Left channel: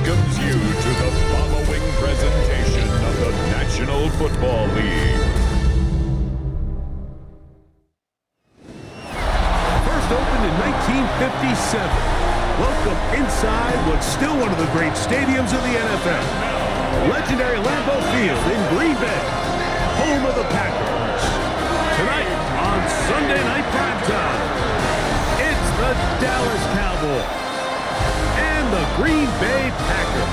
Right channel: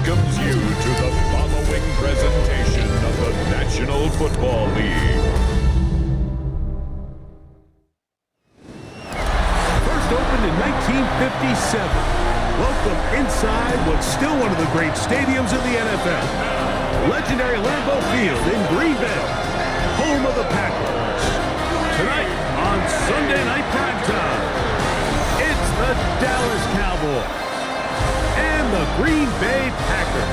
welcomes you to the following presentation of the National Football League. First opened in 1957. Welcome inside what's still one of the great stadiums in the NFL. Legendary Lambeau Field in Green Bay, home of the Packers. Tonight on Sunday Night Primetime, it's the Dallas Cowboys and the Green Bay Packers.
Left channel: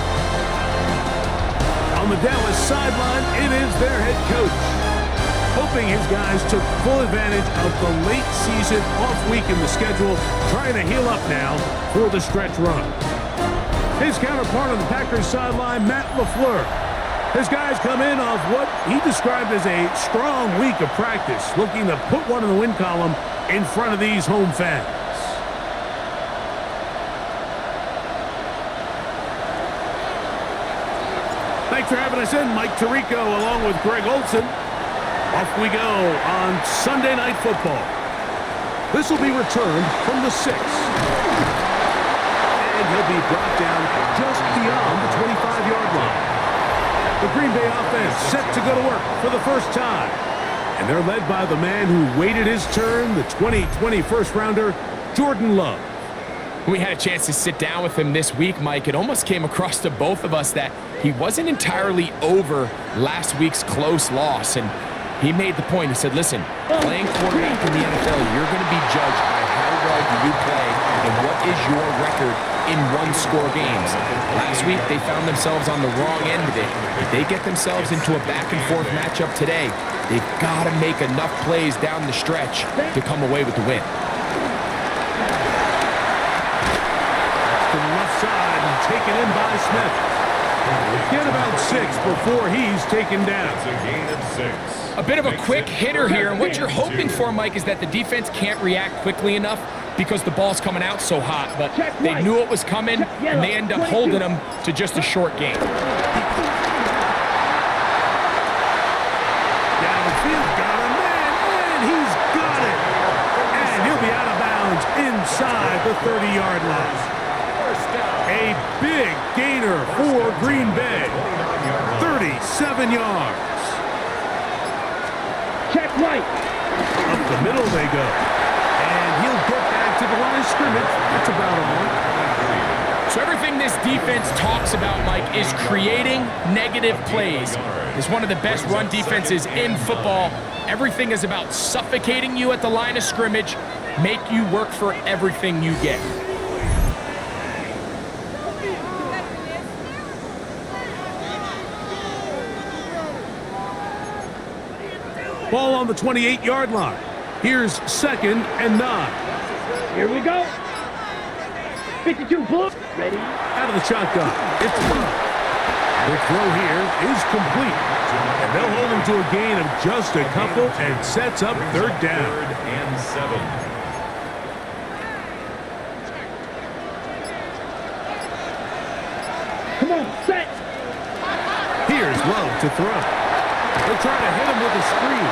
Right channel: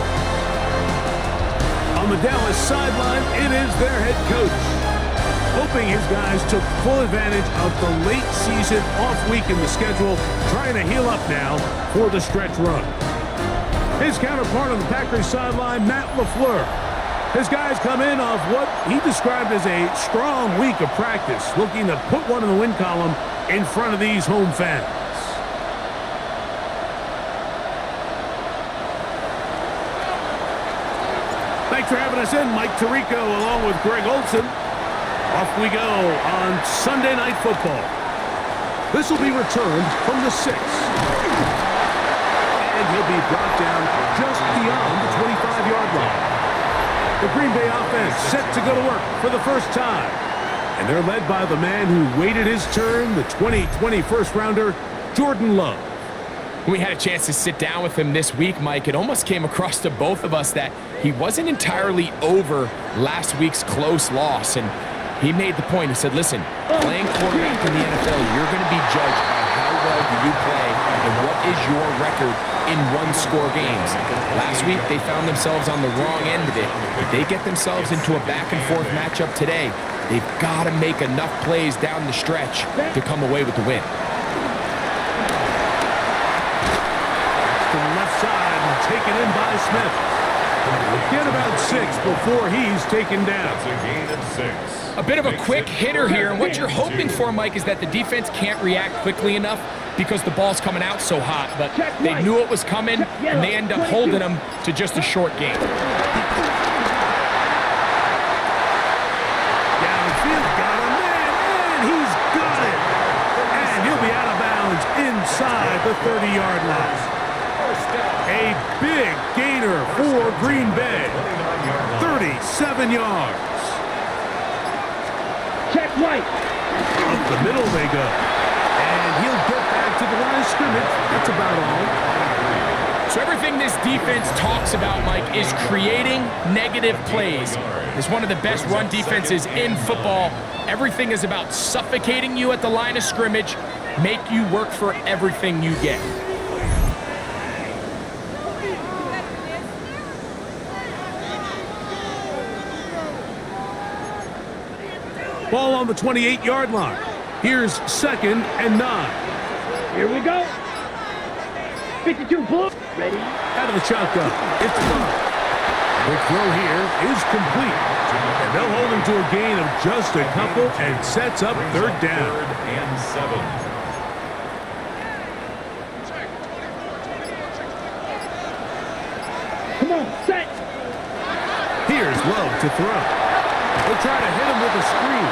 On the Dallas sideline, it is their head coach, hoping his guys took full advantage of the late season off week in the schedule, trying to heal up now for the stretch run. His counterpart on the Packers sideline, Matt LaFleur. His guys come in off what he described as a strong week of practice, looking to put one in the win column in front of these home fans. Thanks for having us in, Mike Tirico, along with Greg Olson. Off we go on Sunday Night Football. This will be returned from the 6. And he'll be brought down just beyond the 25-yard line. The Green Bay offense set to go to work for the first time. And they're led by the man who waited his turn, the 2020 first-rounder, Jordan Love. We had a chance to sit down with him this week, Mike. It almost came across to both of us that he wasn't entirely over last week's close loss. And he made the point. He said, listen, playing quarterback in the NFL, you're going to be judged by how well do you play and what is your record in one-score games. Last week, they found themselves on the wrong end of it. If they get themselves into a back-and-forth matchup today, they've got to make enough plays down the stretch to come away with the win. To the left side and taken in by Smith. He'll get about 6 before he's taken down. It's a gain of 6. A bit of a quick hitter here, and what you're hoping for, Mike, is that the defense can't react quickly enough because the ball's coming out so hot, but they knew it was coming, and they end up holding them to just a short gain. Downfield, got a man, and he's got it. And he'll be out of bounds inside the 30-yard line. A big gainer for Green Bay. 37 yards. Check right. Up the middle they go. And he'll get back to the line of scrimmage. That's about all. So everything this defense talks about, Mike, is creating negative plays. It's one of the best run defenses in football. Everything is about suffocating you at the line of scrimmage, make you work for everything you get. Ball on the 28-yard line. Here's 2nd and 9. Here we go. 52 full. Ready? Out of the shotgun. It's Love. The throw here is complete. And they'll hold him to a gain of just a couple and sets up 3rd down. 3rd and 7. Come on, set. Here's Love to throw. They'll try to hit him with a screen.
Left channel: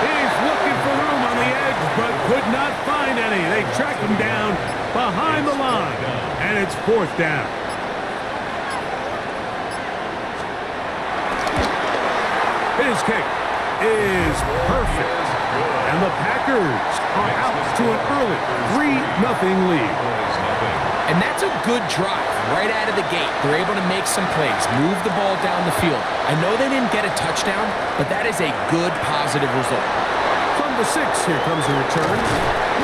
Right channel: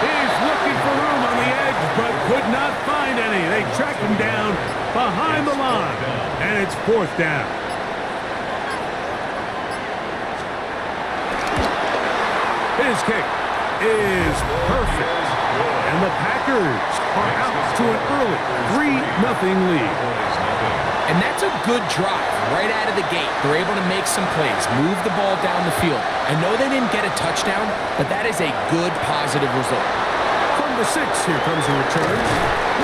He's looking for room on the edge, but could not find any. They track him down behind the line, and it's 4th down. His kick is perfect, and the Packers are out to an early 3-0 lead. And that's a good drive right out of the gate. They're able to make some plays, move the ball down the field. I know they didn't get a touchdown, but that is a good, positive result. From the 6, here comes a return.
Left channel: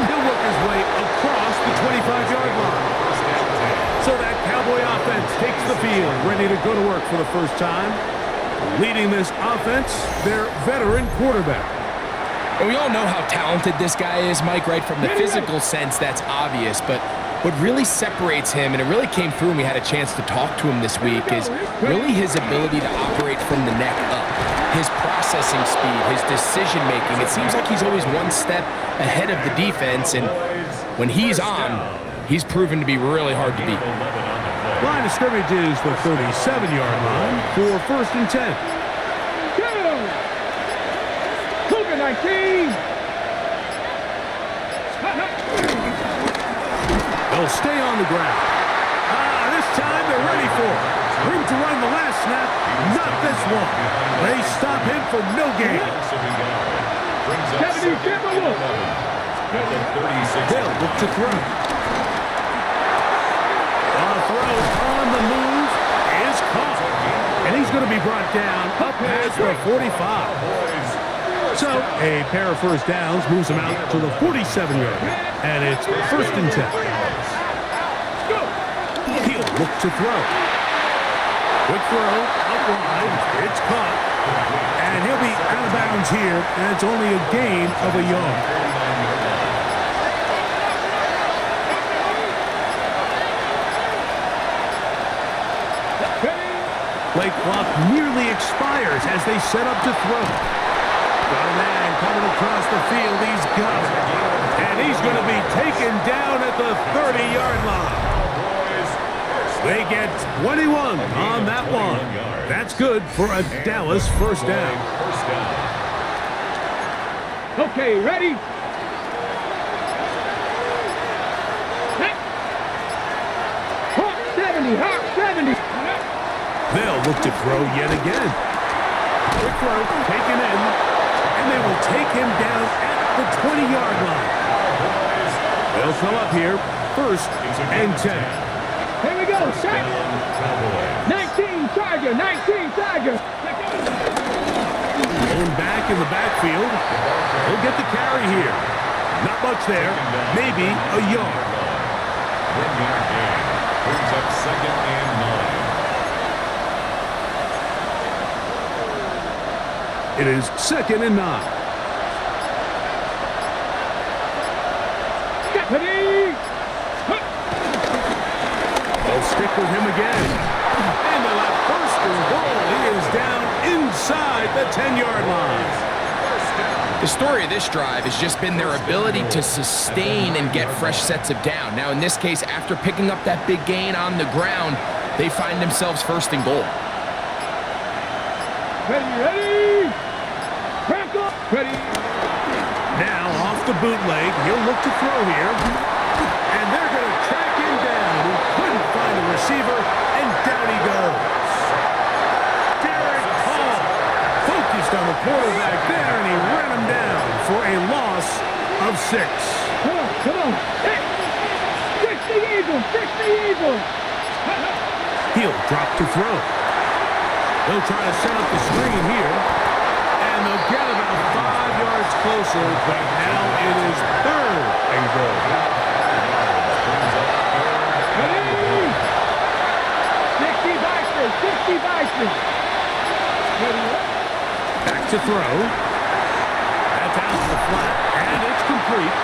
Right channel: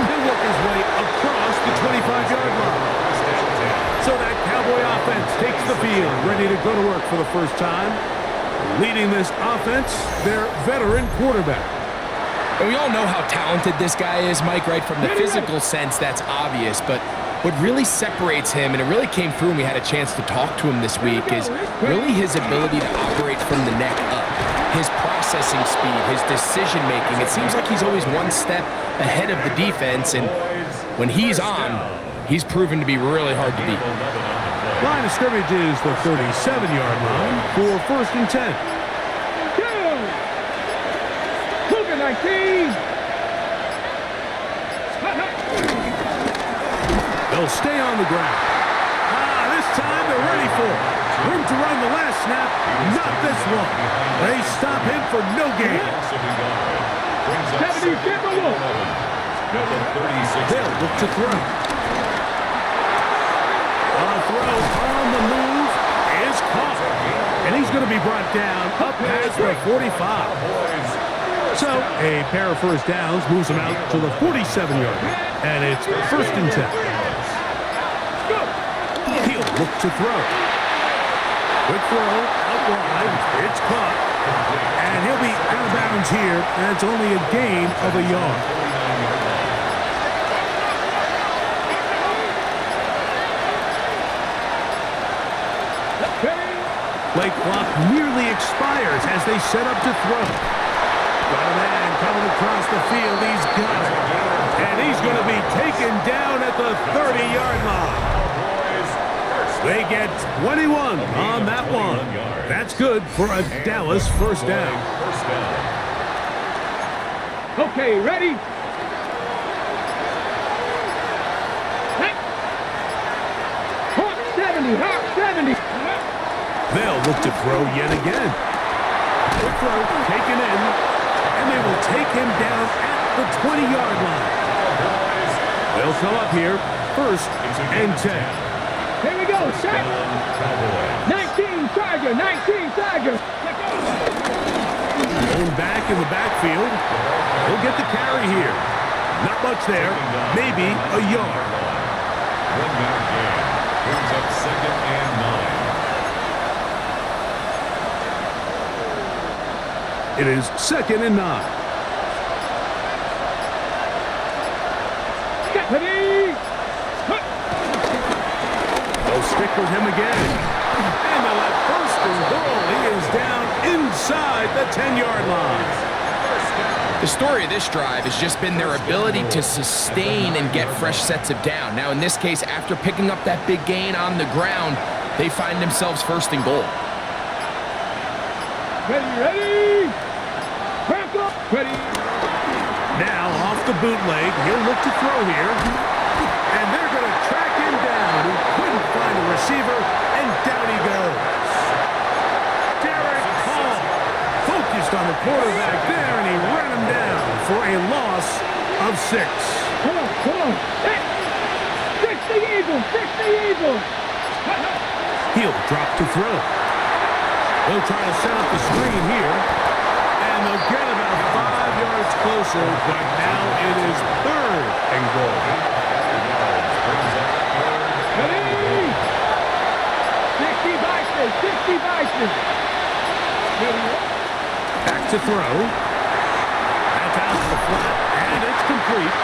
He'll work his way across the 25-yard line. So that Cowboy offense takes the field, ready to go to work for the first time. Leading this offense, their veteran quarterback. And we all know how talented this guy is, Mike, right? From the physical sense, that's obvious, but what really separates him, and it really came through when we had a chance to talk to him this week, is really his ability to operate from the neck up. His processing speed, his decision-making. It seems like he's always one step ahead of the defense, and when he's on, he's proven to be really hard to beat. Line of scrimmage is the 37-yard line for 1st and 10. Cougar 19. They'll stay on the ground. This time they're ready for it. Room to run the last snap, not this one. They stop him for no gain. 70, at the 36. They'll look to throw. A throw on the move is caught. And he's going to be brought down up past the 45. So a pair of first downs moves him out to the 47-yard. And it's first and 10. He'll look to throw. Quick throw out wide. It's caught. And he'll be out of bounds here. And it's only a gain of a yard. Play clock nearly expires as they set up to throw. Got a man coming across the field. He's got it. And he's going to be taken down at the 30-yard line. They get 21 on that one. That's good for a Dallas first down. Okay, ready? Hey. Hawk 70, Hawk 70. They'll look to throw yet again. Quick throw taken in, and they will take him down at the 20-yard line. They'll come up here first and 10. Here we go, set. 19 Charger, 19 Charger. Thrown back in the backfield. He'll get the carry here. Not much there, maybe a yard. 1 yard gain brings up 2nd and 9. It is 2nd and 9. Ready? They'll stick with him again. And they'll have first and goal. He is down inside the 10-yard line. The story of this drive has just been their ability to sustain and get fresh sets of down. Now, in this case, after picking up that big gain on the ground, they find themselves first and goal. Ready? Crack up! Ready? Now, off the bootleg, he'll look to throw here. And they're going to track him down. He couldn't find a receiver, and down he goes. Derek Hall focused on the quarterback there, and he ran him down for a loss of 6. Come on. Hey! Fix the Eagles! He'll drop to throw. They'll try to set up the screen here. And they'll get about 5 yards closer, but now it is 3rd and goal. Ready? 60 Bison! Ready? Back to throw. That's out to the flat, and it's complete.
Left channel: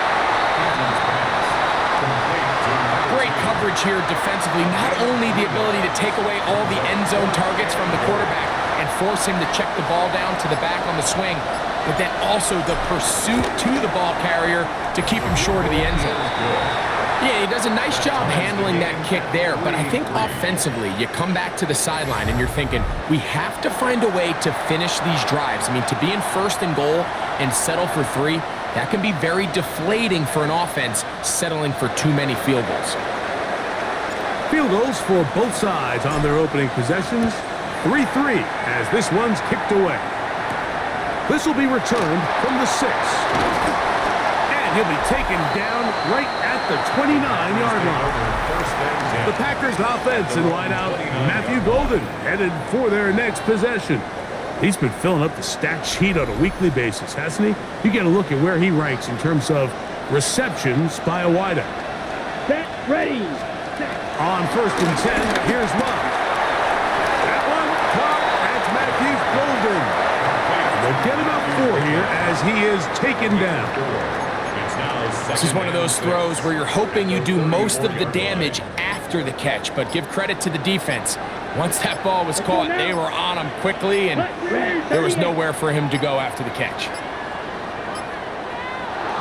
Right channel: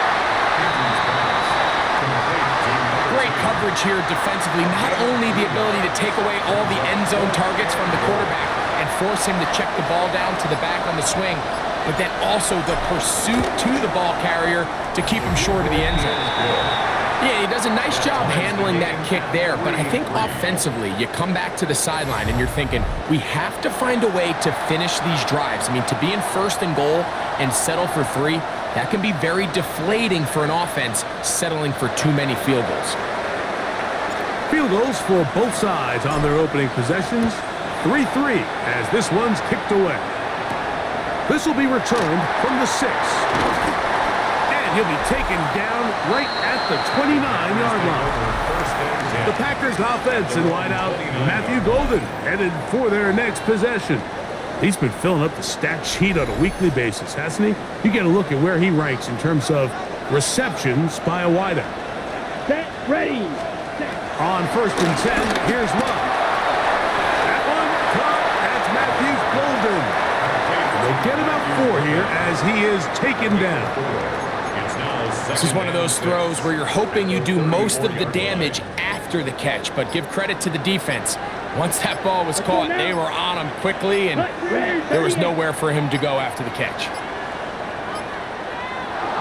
Great coverage here defensively. Not only the ability to take away all the end zone targets from the quarterback and force him to check the ball down to the back on the swing, but then also the pursuit to the ball carrier to keep him short of the end zone. Yeah, he does a nice job handling that kick there, but I think offensively, you come back to the sideline and you're thinking, we have to find a way to finish these drives. I mean, to be in first and goal and settle for 3, that can be very deflating for an offense settling for too many field goals. Field goals for both sides on their opening possessions. 3-3 as this one's kicked away. This will be returned from the 6. And he'll be taken down right at the 29-yard line. The Packers offense in wideout, Matthew Golden, headed for their next possession. He's been filling up the stat sheet on a weekly basis, hasn't he? You get a look at where he ranks in terms of receptions by a wideout. Set, ready. On 1st and 10, here's Love. That one caught. That's Matthew Golden. They'll get about 4 here as he is taken down. This is one of those throws where you're hoping you do most of the damage after the catch, but give credit to the defense. Once that ball was caught, they were on him quickly, and there was nowhere for him to go after the catch.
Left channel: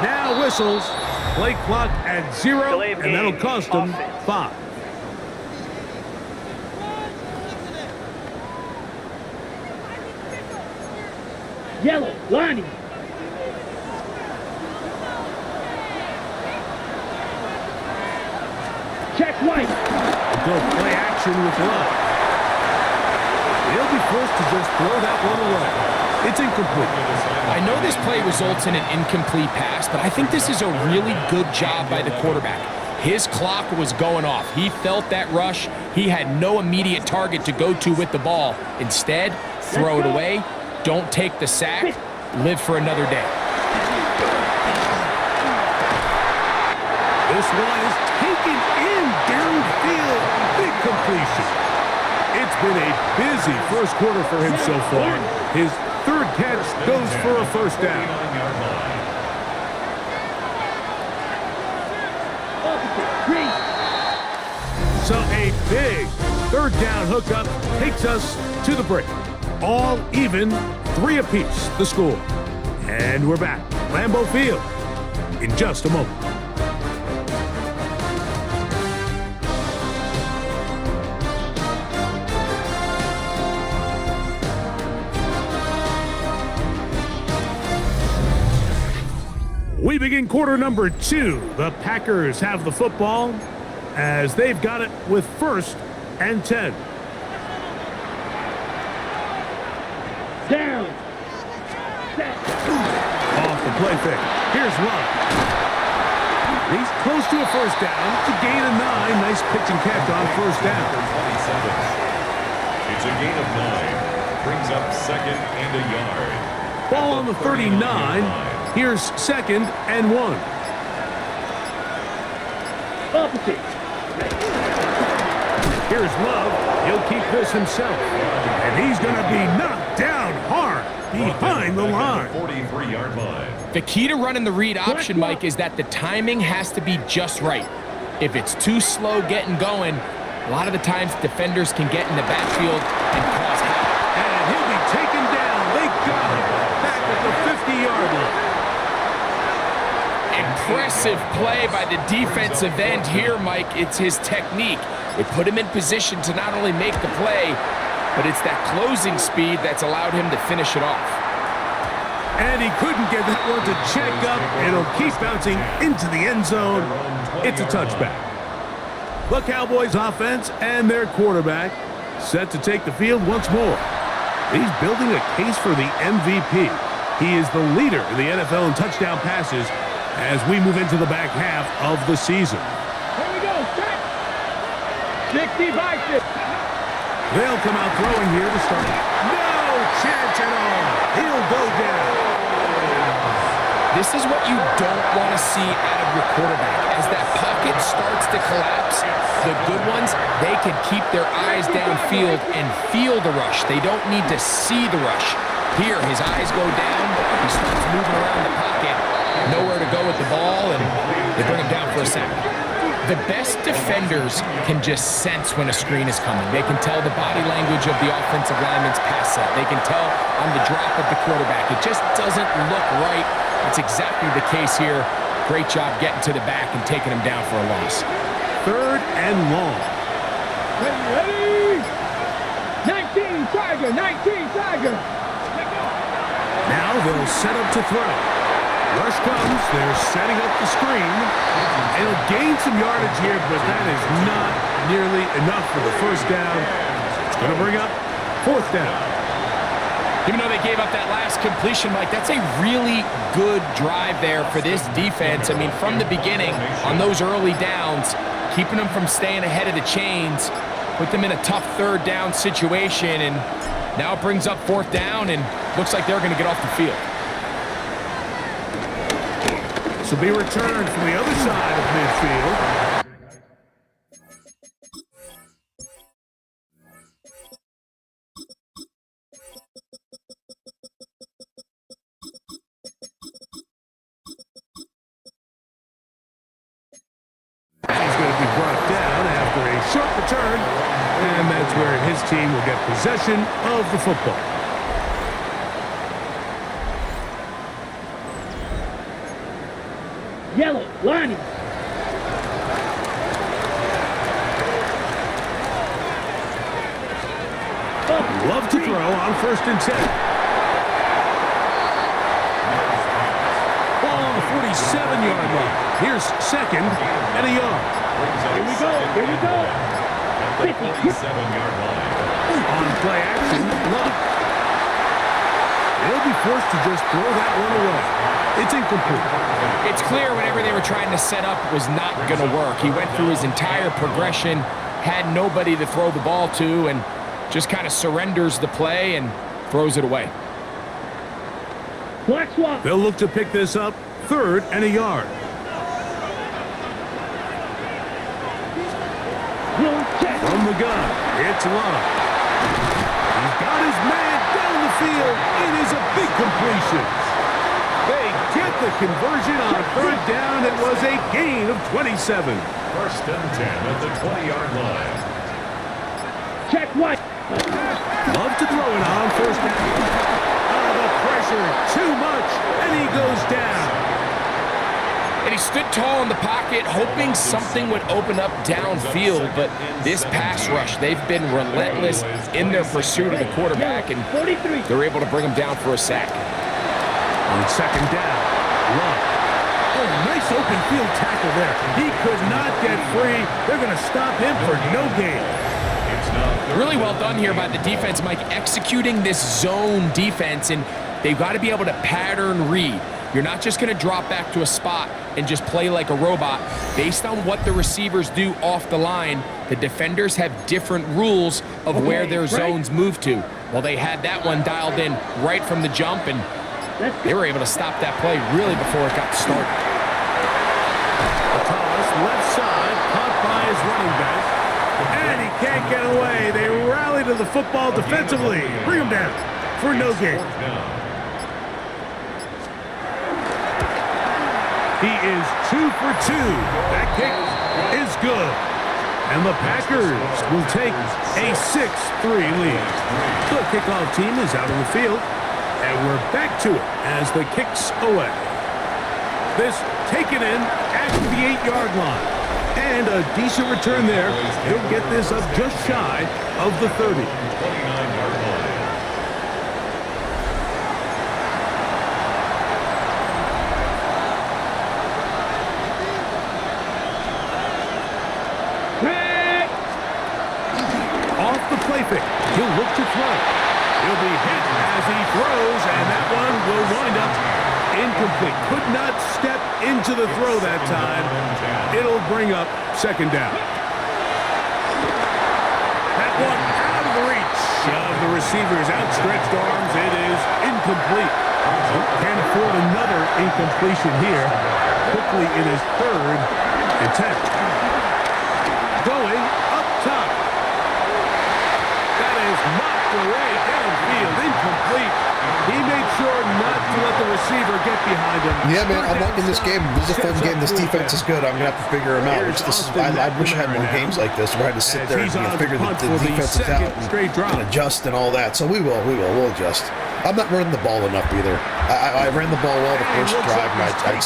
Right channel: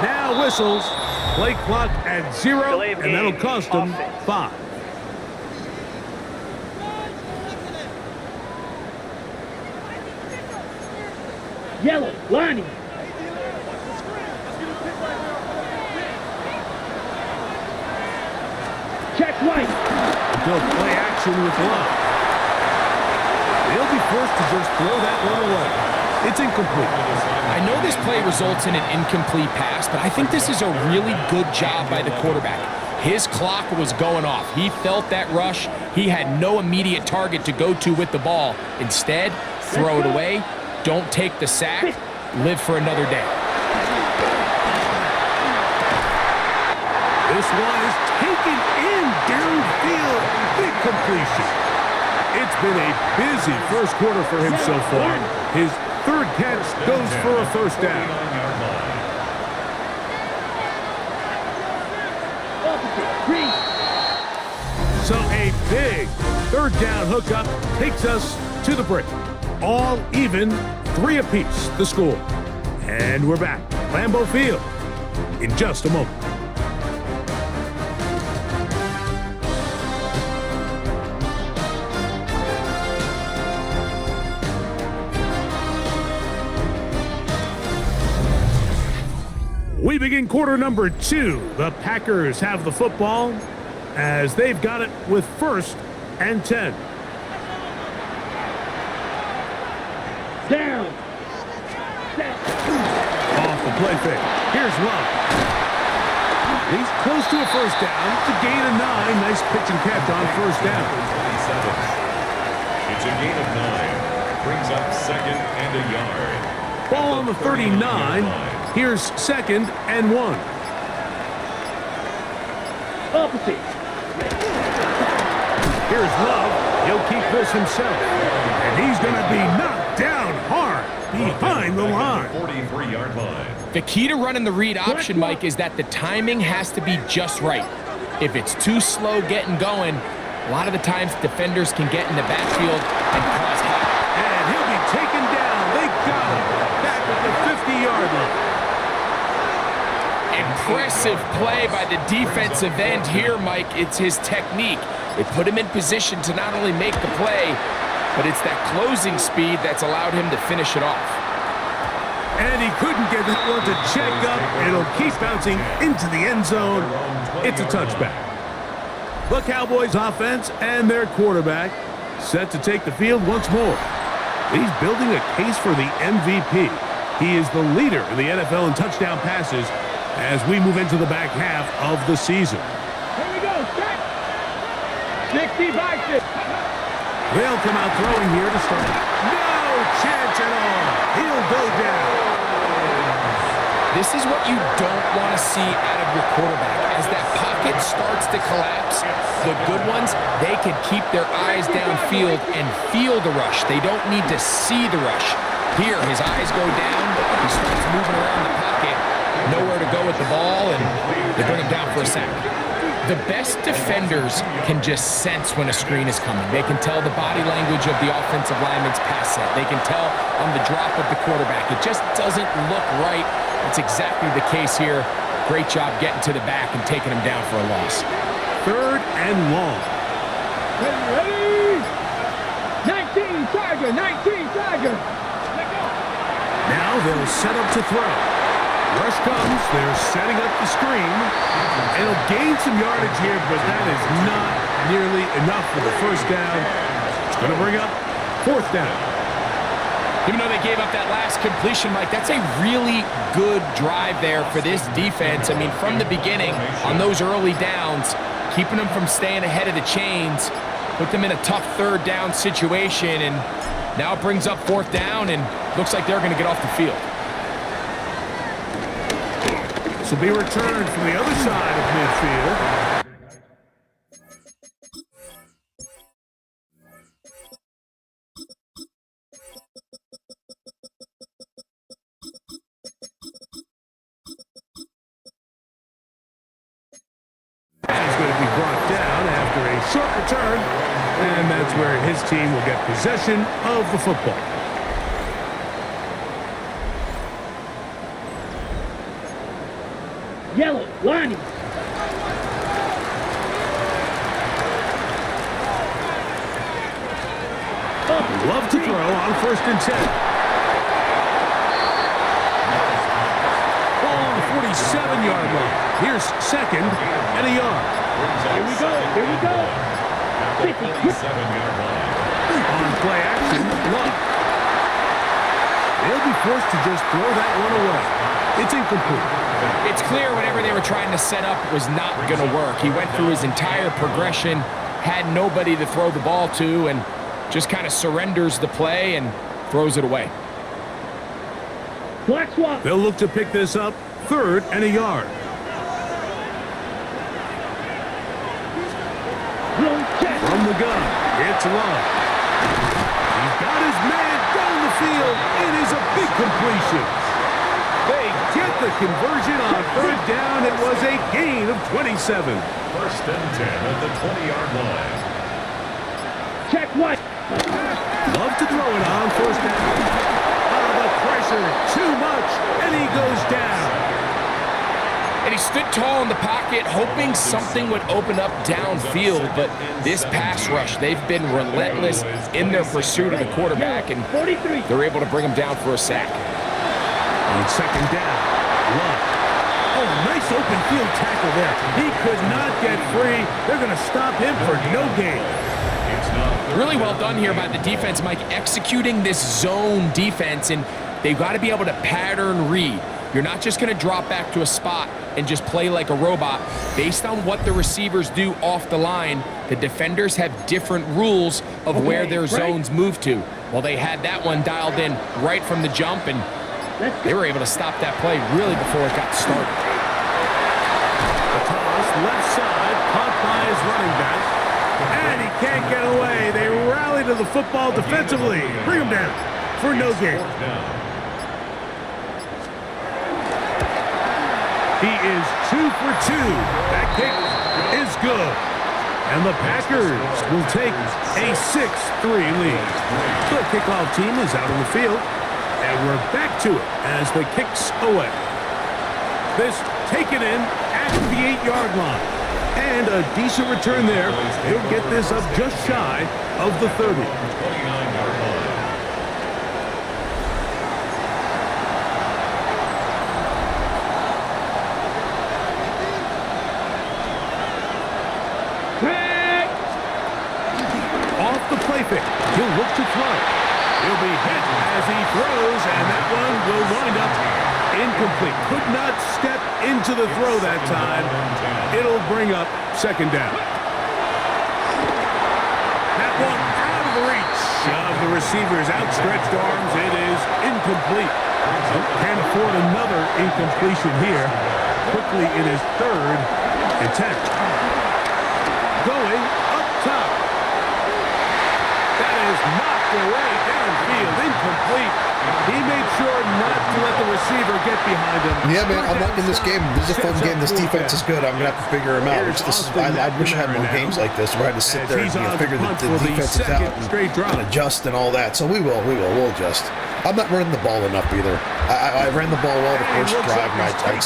Now whistles. Play clock at 0, and that'll cost them 5. Yellow, Lonnie. Check white. They'll go play action with Love. They'll be forced to just throw that one away. It's incomplete. I know this play results in an incomplete pass, but I think this is a really good job by the quarterback. His clock was going off. He felt that rush. He had no immediate target to go to with the ball. Instead, throw it away. Don't take the sack. Live for another day. This one is taken in downfield. Big completion. It's been a busy first quarter for him so far. His third catch goes for a first down. So a big third down hookup takes us to the break. All even, 3 apiece, the score. And we're back. Lambeau Field in just a moment. We begin quarter number 2. The Packers have the football as they've got it with 1st and 10. Down. Off the play fake. Here's Love. He's close to a first down. It's a gain of 9. Nice pitch and catch on first down. 27. It's a gain of 9. Brings up 2nd and a yard. Ball on the 39. Here's 2nd and 1. Opposite. Here's Love. He'll keep this himself. And he's going to be knocked down hard behind the line. 43-yard line. The key to running the read option, Mike, is that the timing has to be just right. If it's too slow getting going, a lot of the times defenders can get in the backfield and cause havoc. And he'll be taken down. They got him back at the 50-yard line. Impressive play by the defensive end here, Mike. It's his technique. It put him in position to not only make the play, but it's that closing speed that's allowed him to finish it off. And he couldn't get that one to check up. It'll keep bouncing into the end zone. It's a touchback. The Cowboys offense and their quarterback set to take the field once more. He's building a case for the MVP. He is the leader in the NFL in touchdown passes as we move into the back half of the season. Here we go. Set. 60 by 6. They'll come out throwing here to start. No chance at all. He'll go down. This is what you don't want to see out of your quarterback. As that pocket starts to collapse, the good ones, they can keep their eyes downfield and feel the rush. They don't need to see the rush. Here, his eyes go down. He starts moving around the pocket. Nowhere to go with the ball, and they bring him down for a sack. The best defenders can just sense when a screen is coming. They can tell the body language of the offensive lineman's pass set. They can tell on the drop of the quarterback. It just doesn't look right. It's exactly the case here. Great job getting to the back and taking him down for a loss. 3rd and long. Ready? 19 Tiger. 19 Tiger. Now they'll set up to throw. Rush comes. They're setting up the screen. It'll gain some yardage here, but that is not nearly enough for the first down. It's going to bring up 4th down. Even though they gave up that last completion, Mike, that's a really good drive there for this defense. I mean, from the beginning, on those early downs, keeping them from staying ahead of the chains, put them in a tough 3rd down situation, and now it brings up 4th down, and looks like they're going to get off the field. This will be returned from the other side of midfield. And he's going to be brought down after a short return, and that's where his team will get possession of the football. Yellow. Lonnie. Love to throw on 1st and 10. Ball on the 47-yard line. Here's 2nd and a yard. Here we go. Here we go. At the 47-yard line. On play action, Love. They'll be forced to just throw that one away. It's incomplete. It's clear whatever they were trying to set up was not going to work. He went through his entire progression, had nobody to throw the ball to, and just kind of surrenders the play and throws it away. Black swap. They'll look to pick this up, 3rd and a yard. From the gun, it's Love. He's got his man down the field. It is a big completion. They get the conversion on 3rd down. It was a gain of 27. 1st and 10 at the 20-yard line. Check white. Love to throw it on 1st down. The pressure, too much, and he goes down. And he stood tall in the pocket, hoping something would open up downfield, but this pass rush, they've been relentless in their pursuit of the quarterback, and 43. they're able to bring him down for a sack. On 2nd down, Love. Oh, nice open field tackle there. He could not get free. They're going to stop him for no gain. Really well done here by the defense, Mike, executing this zone defense, and they've got to be able to pattern read. You're not just going to drop back to a spot and just play like a robot. Based on what the receivers do off the line, the defenders have different rules of where their zones move to. Well, they had that one dialed in right from the jump, and they were able to stop that play really before it got started. A toss, left side, caught by his running back. And he can't get away. They rally to the football defensively. Bring him down for no gain. He is 2 for 2. That kick is good. And the Packers will take a 6-3 lead. The kickoff team is out on the field. And we're back to it as the kick's away. This taken in at the 8-yard line. And a decent return there. He'll get this up just shy of the 30. 29-yard line. Off the play fake. He'll look to throw. He'll be hit as he throws, and that one will wind up incomplete. Could not step into the throw that time. It'll bring up 2nd down. That one out of the reach of the receiver's outstretched arms. It is incomplete. Can't afford another incompletion here. Quickly in his 3rd and 10. Going up top. That is knocked away downfield, incomplete. He made sure not to let the receiver get behind him. Yeah, man, I'm liking this game. This is a fun game. This defense is good. I'm going to have to figure them out. I wish I had more games like this where I had to sit there and figure the defenses out and adjust and all that. So we will. We'll adjust. I'm not running the ball enough either. I ran the ball well the first drive, and I kind of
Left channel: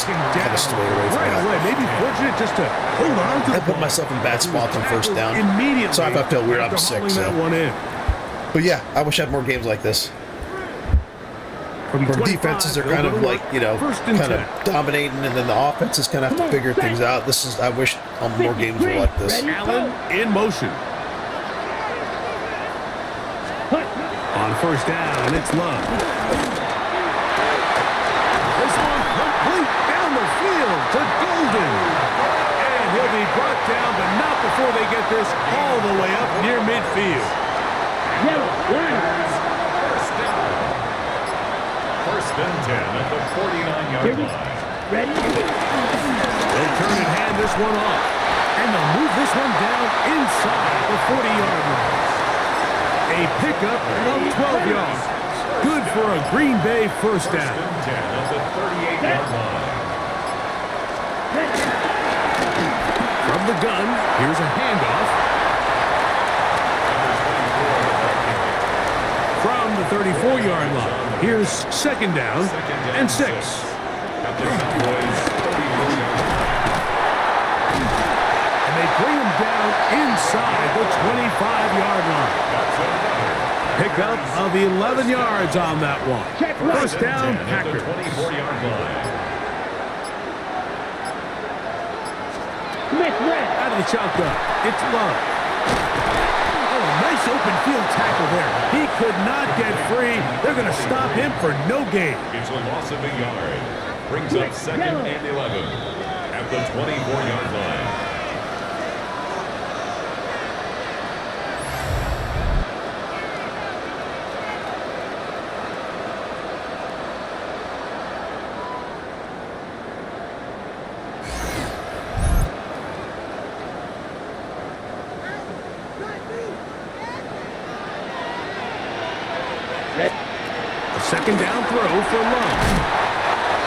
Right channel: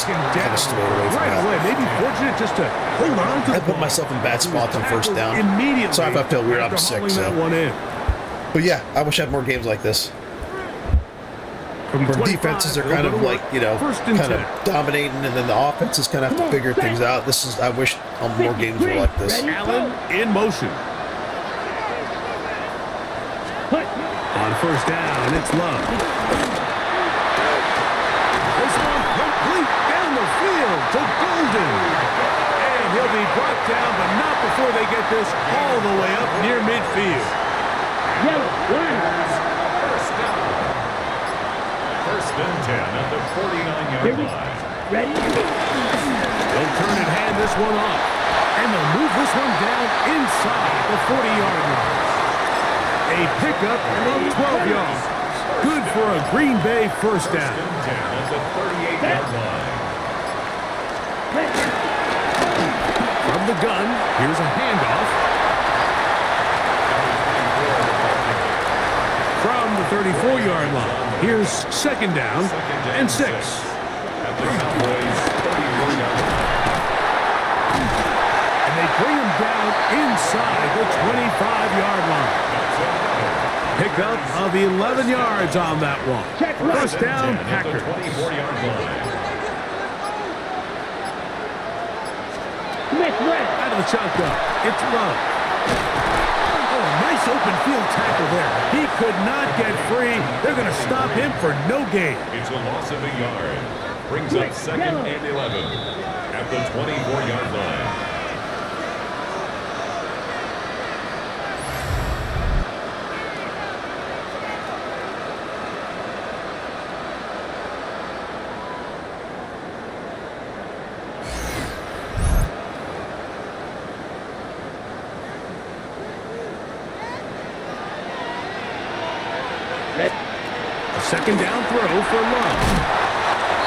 swayed away from that. Maybe fortunate just to hold on to the I put myself in bad spots on 1st down. Immediately. So if I feel weird, I'm sick. So. But yeah, I wish I had more games like this. Where defenses are kind of like, kind of dominating, and then the offenses kind of have to figure things out. I wish more games were like this. Allen in motion. On 1st down, it's Love. This one complete down the field to Golden. And he'll be brought down, but not before they get this all the way up near midfield. Yellow, line. 1st down. 1st and 10 at the 49-yard line. Ready? They'll turn and hand this one off. And they'll move this one down inside the 40-yard line. A pickup of 12 yards. Good for a Green Bay 1st down. 1st and 10 at the 38-yard line. From the gun, here's a handoff. From the 34-yard line, here's 2nd down and 6. At the Cowboys 34-yard line. And they bring him down inside the 25-yard line. Pickup of 11 yards on that one. 1st down, Packers. 24-yard line. Out of the shotgun, it's Love. Nice open field tackle there. He could not get free. They're going to stop him for no gain. It's a loss of a yard. Brings up 2nd and 11 at the 24-yard line. A second down throw for Love.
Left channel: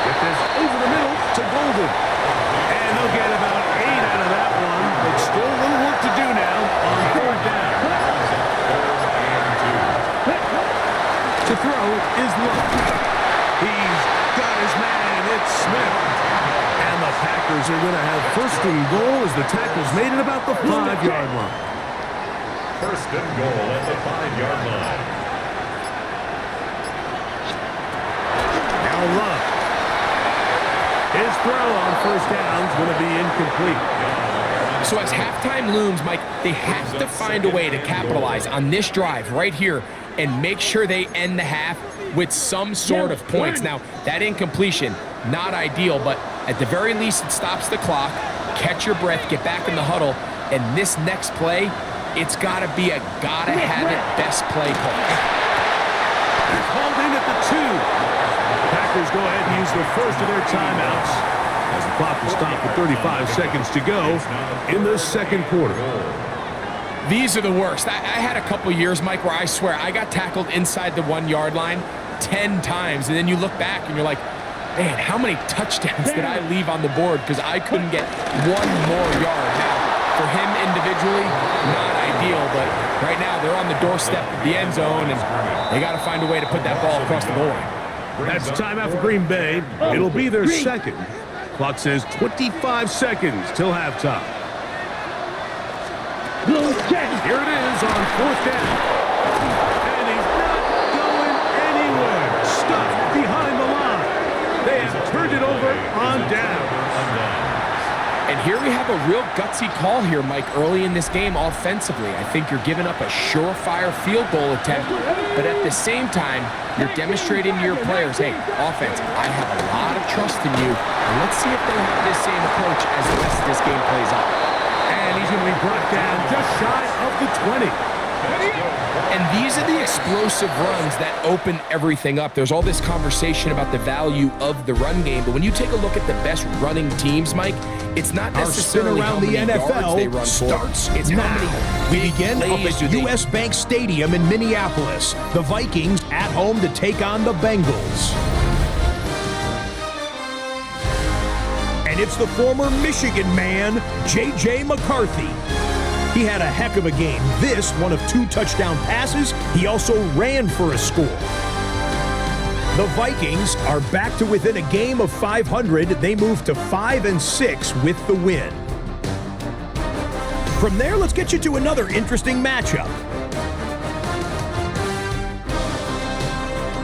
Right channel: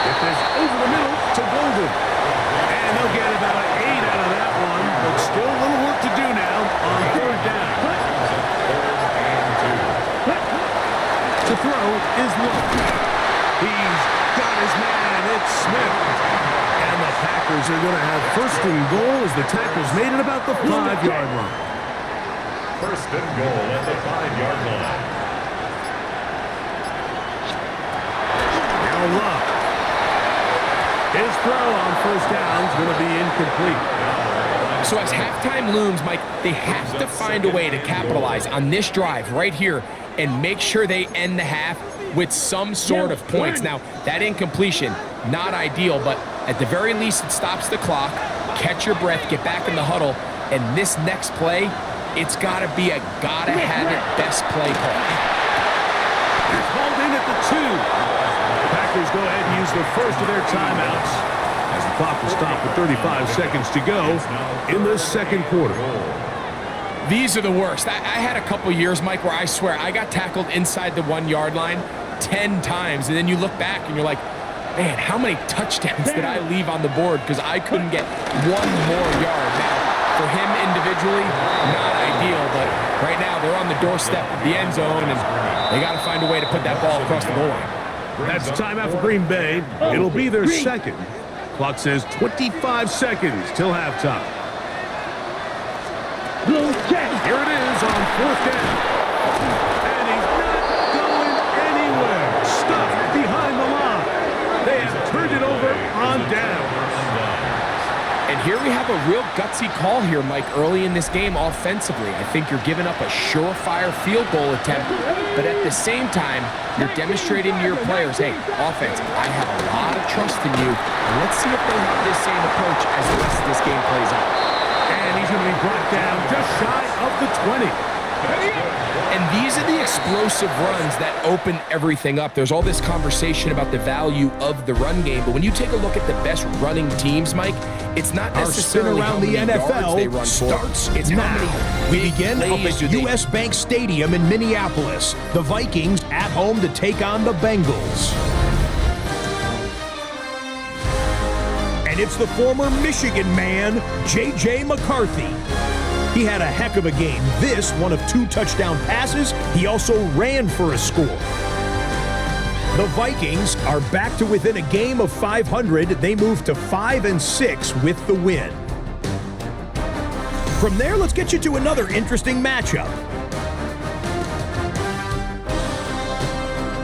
Get this over the middle to Golden. And they'll get about 8 out of that one, but still a little work to do now on 3rd down. To throw is Love. He's got his man. It's Smith. And the Packers are going to have 1st and goal as the tackle's made it about the 5-yard line. 1st and goal at the 5-yard line. Love. His throw on 1st down is going to be incomplete. So as halftime looms, Mike, they have to find a way to capitalize on this drive right here and make sure they end the half with some sort of points. Now, that incompletion, not ideal, but at the very least, it stops the clock. Catch your breath, get back in the huddle, and this next play, it's got to be a gotta-have-it best play call. They're called in at the 2. Packers go ahead and use the first of their timeouts as the clock will stop with 35 seconds to go in the 2nd quarter. These are the worst. I had a couple years, Mike, where I swear I got tackled inside the 1-yard line 10 times, and then you look back and you're like, man, how many touchdowns did I leave on the board because I couldn't get one more yard? Now, for him individually, not ideal, but right now they're on the doorstep of the end zone, and they got to find a way to put that ball across the goal line. That's a timeout for Green Bay. It'll be their 2nd. Clock says 25 seconds till halftime. Here it is on 4th down. And he's not going anywhere. Stuffed behind the line. They have turned it over on down. And here we have a real gutsy call here, Mike, early in this game offensively. I think you're giving up a surefire field goal attempt, but at the same time, you're demonstrating to your players, hey, offense, I have a lot of trust in you, and let's see if they have this same approach as the rest of this game plays out. And he's going to be brought down just shy of the 20. And these are the explosive runs that open everything up. There's all this conversation about the value of the run game, but when you take a look at the best running teams, Mike, it's not necessarily our spin around the NFL starts it's now. how many We begin up at U.S. Bank Stadium in Minneapolis. The Vikings at home to take on the Bengals. And it's the former Michigan man, J.J. McCarthy. He had a heck of a game. This, one of 2 touchdown passes. He also ran for a score. The Vikings are back to within a game of 500. They move to 5-6 with the win. From there, let's get you to another interesting matchup.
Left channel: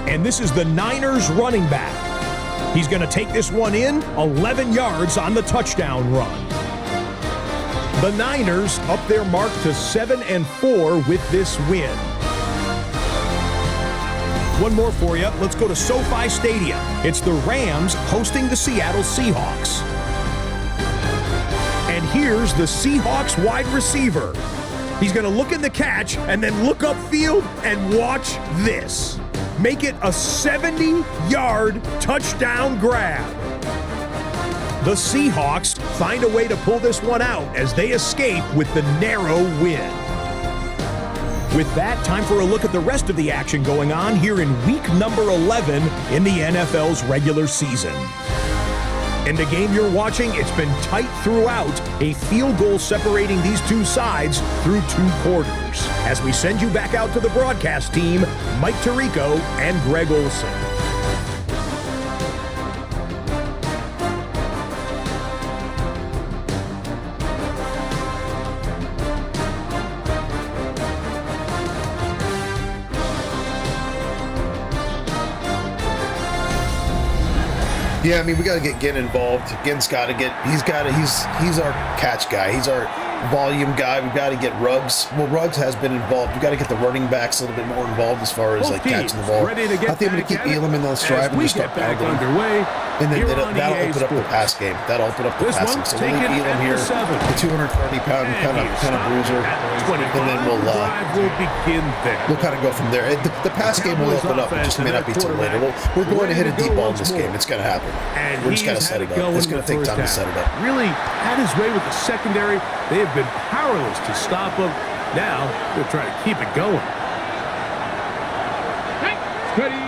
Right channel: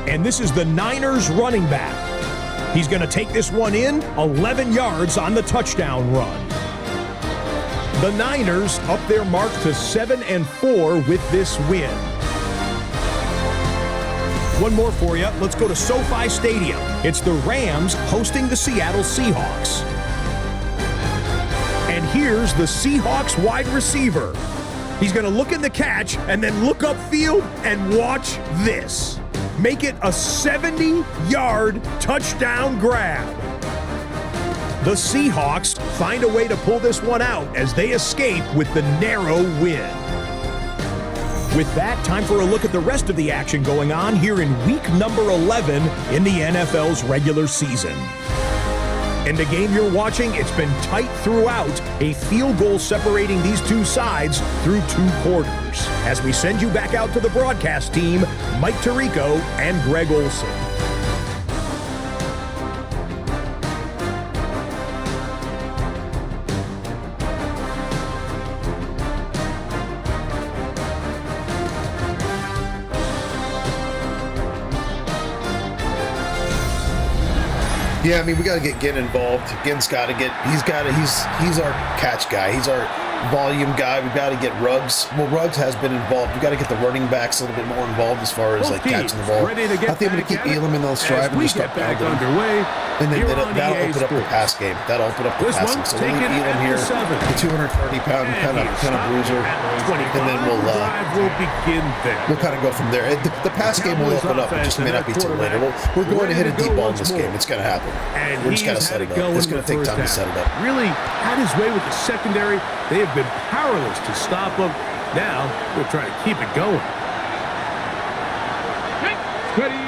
And this is the Niners running back. He's going to take this one in, 11 yards on the touchdown run. The Niners up their mark to 7-4 with this win. One more for you. Let's go to SoFi Stadium. It's the Rams hosting the Seattle Seahawks. And here's the Seahawks wide receiver. He's going to look in the catch and then look upfield and watch this. Make it a 70-yard touchdown grab. The Seahawks find a way to pull this one out as they escape with the narrow win. With that, time for a look at the rest of the action going on here in week number 11 in the NFL's regular season. In the game you're watching, it's been tight throughout, a field goal separating these two sides through 2 quarters. As we send you back out to the broadcast team, Mike Tirico and Greg Olson. Yeah, I mean, we got to get Ginn involved. Ginn's got to get. He's our catch guy. He's our volume guy. We've got to get Ruggs. Well, Ruggs has been involved. We've got to get the running backs a little bit more involved as far as like catching the ball. I think I'm going to keep Elam in those drive and just start pounding him. And then that'll open up the pass game. That'll open up the passing. So we'll leave Elam here, the 230-pound kind of bruiser, and then we'll kind of go from there. The pass game will open up. It just may not be till later. We're going to hit a deep ball in this game. It's going to happen. We're just going to set it up. It's going to take time to set it up. Really had his way with the secondary. They have been powerless to stop him. Now they'll try to keep it going. Ready.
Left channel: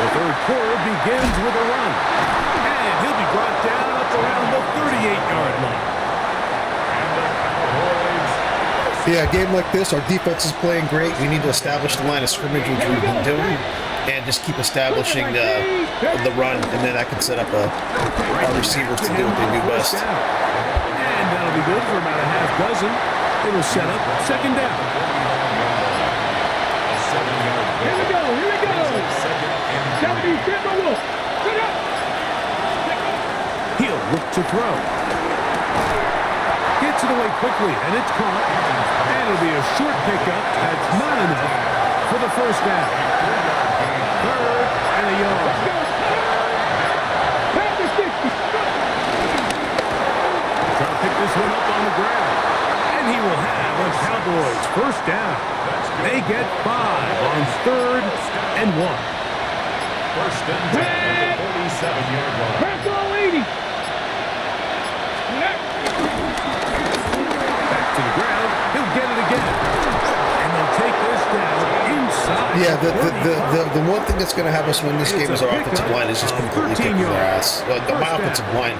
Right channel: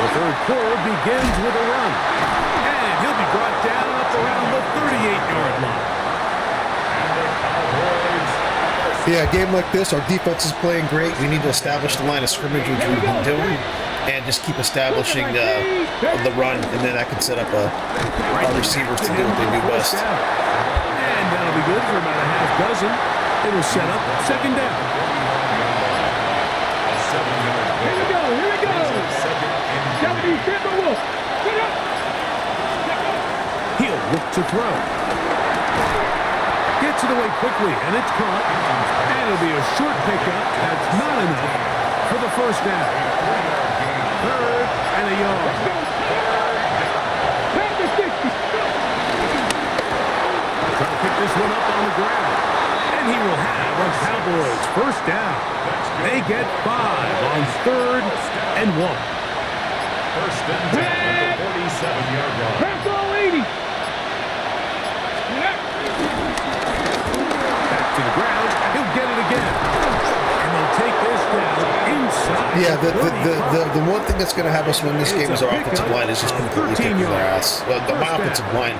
The third quarter begins with a run. And he'll be brought down up around the 38-yard line. And the Cowboys. Yeah, a game like this, our defense is playing great. We need to establish the line of scrimmage, which we've been doing, and just keep establishing the run, and then I can set up our receivers to do what they do best. And that'll be good for about a half dozen. It'll set up second down. Here we go. 70 Timberwolves. Put up. He'll look to throw. Gets it away quickly, and it's caught. And it'll be a short pickup. That's not enough for the first down. Third and a yard. Pound the 60. Trying to pick this one up on the ground. And he will have a Cowboys first down. They get 5 on third and 1. First and 10 at the 47-yard line. Press all 80. Back to the ground. He'll get it again. And they'll take this down inside. Yeah, the one thing that's going to have us win this game is our offensive line is just completely kicking their ass. My offensive line.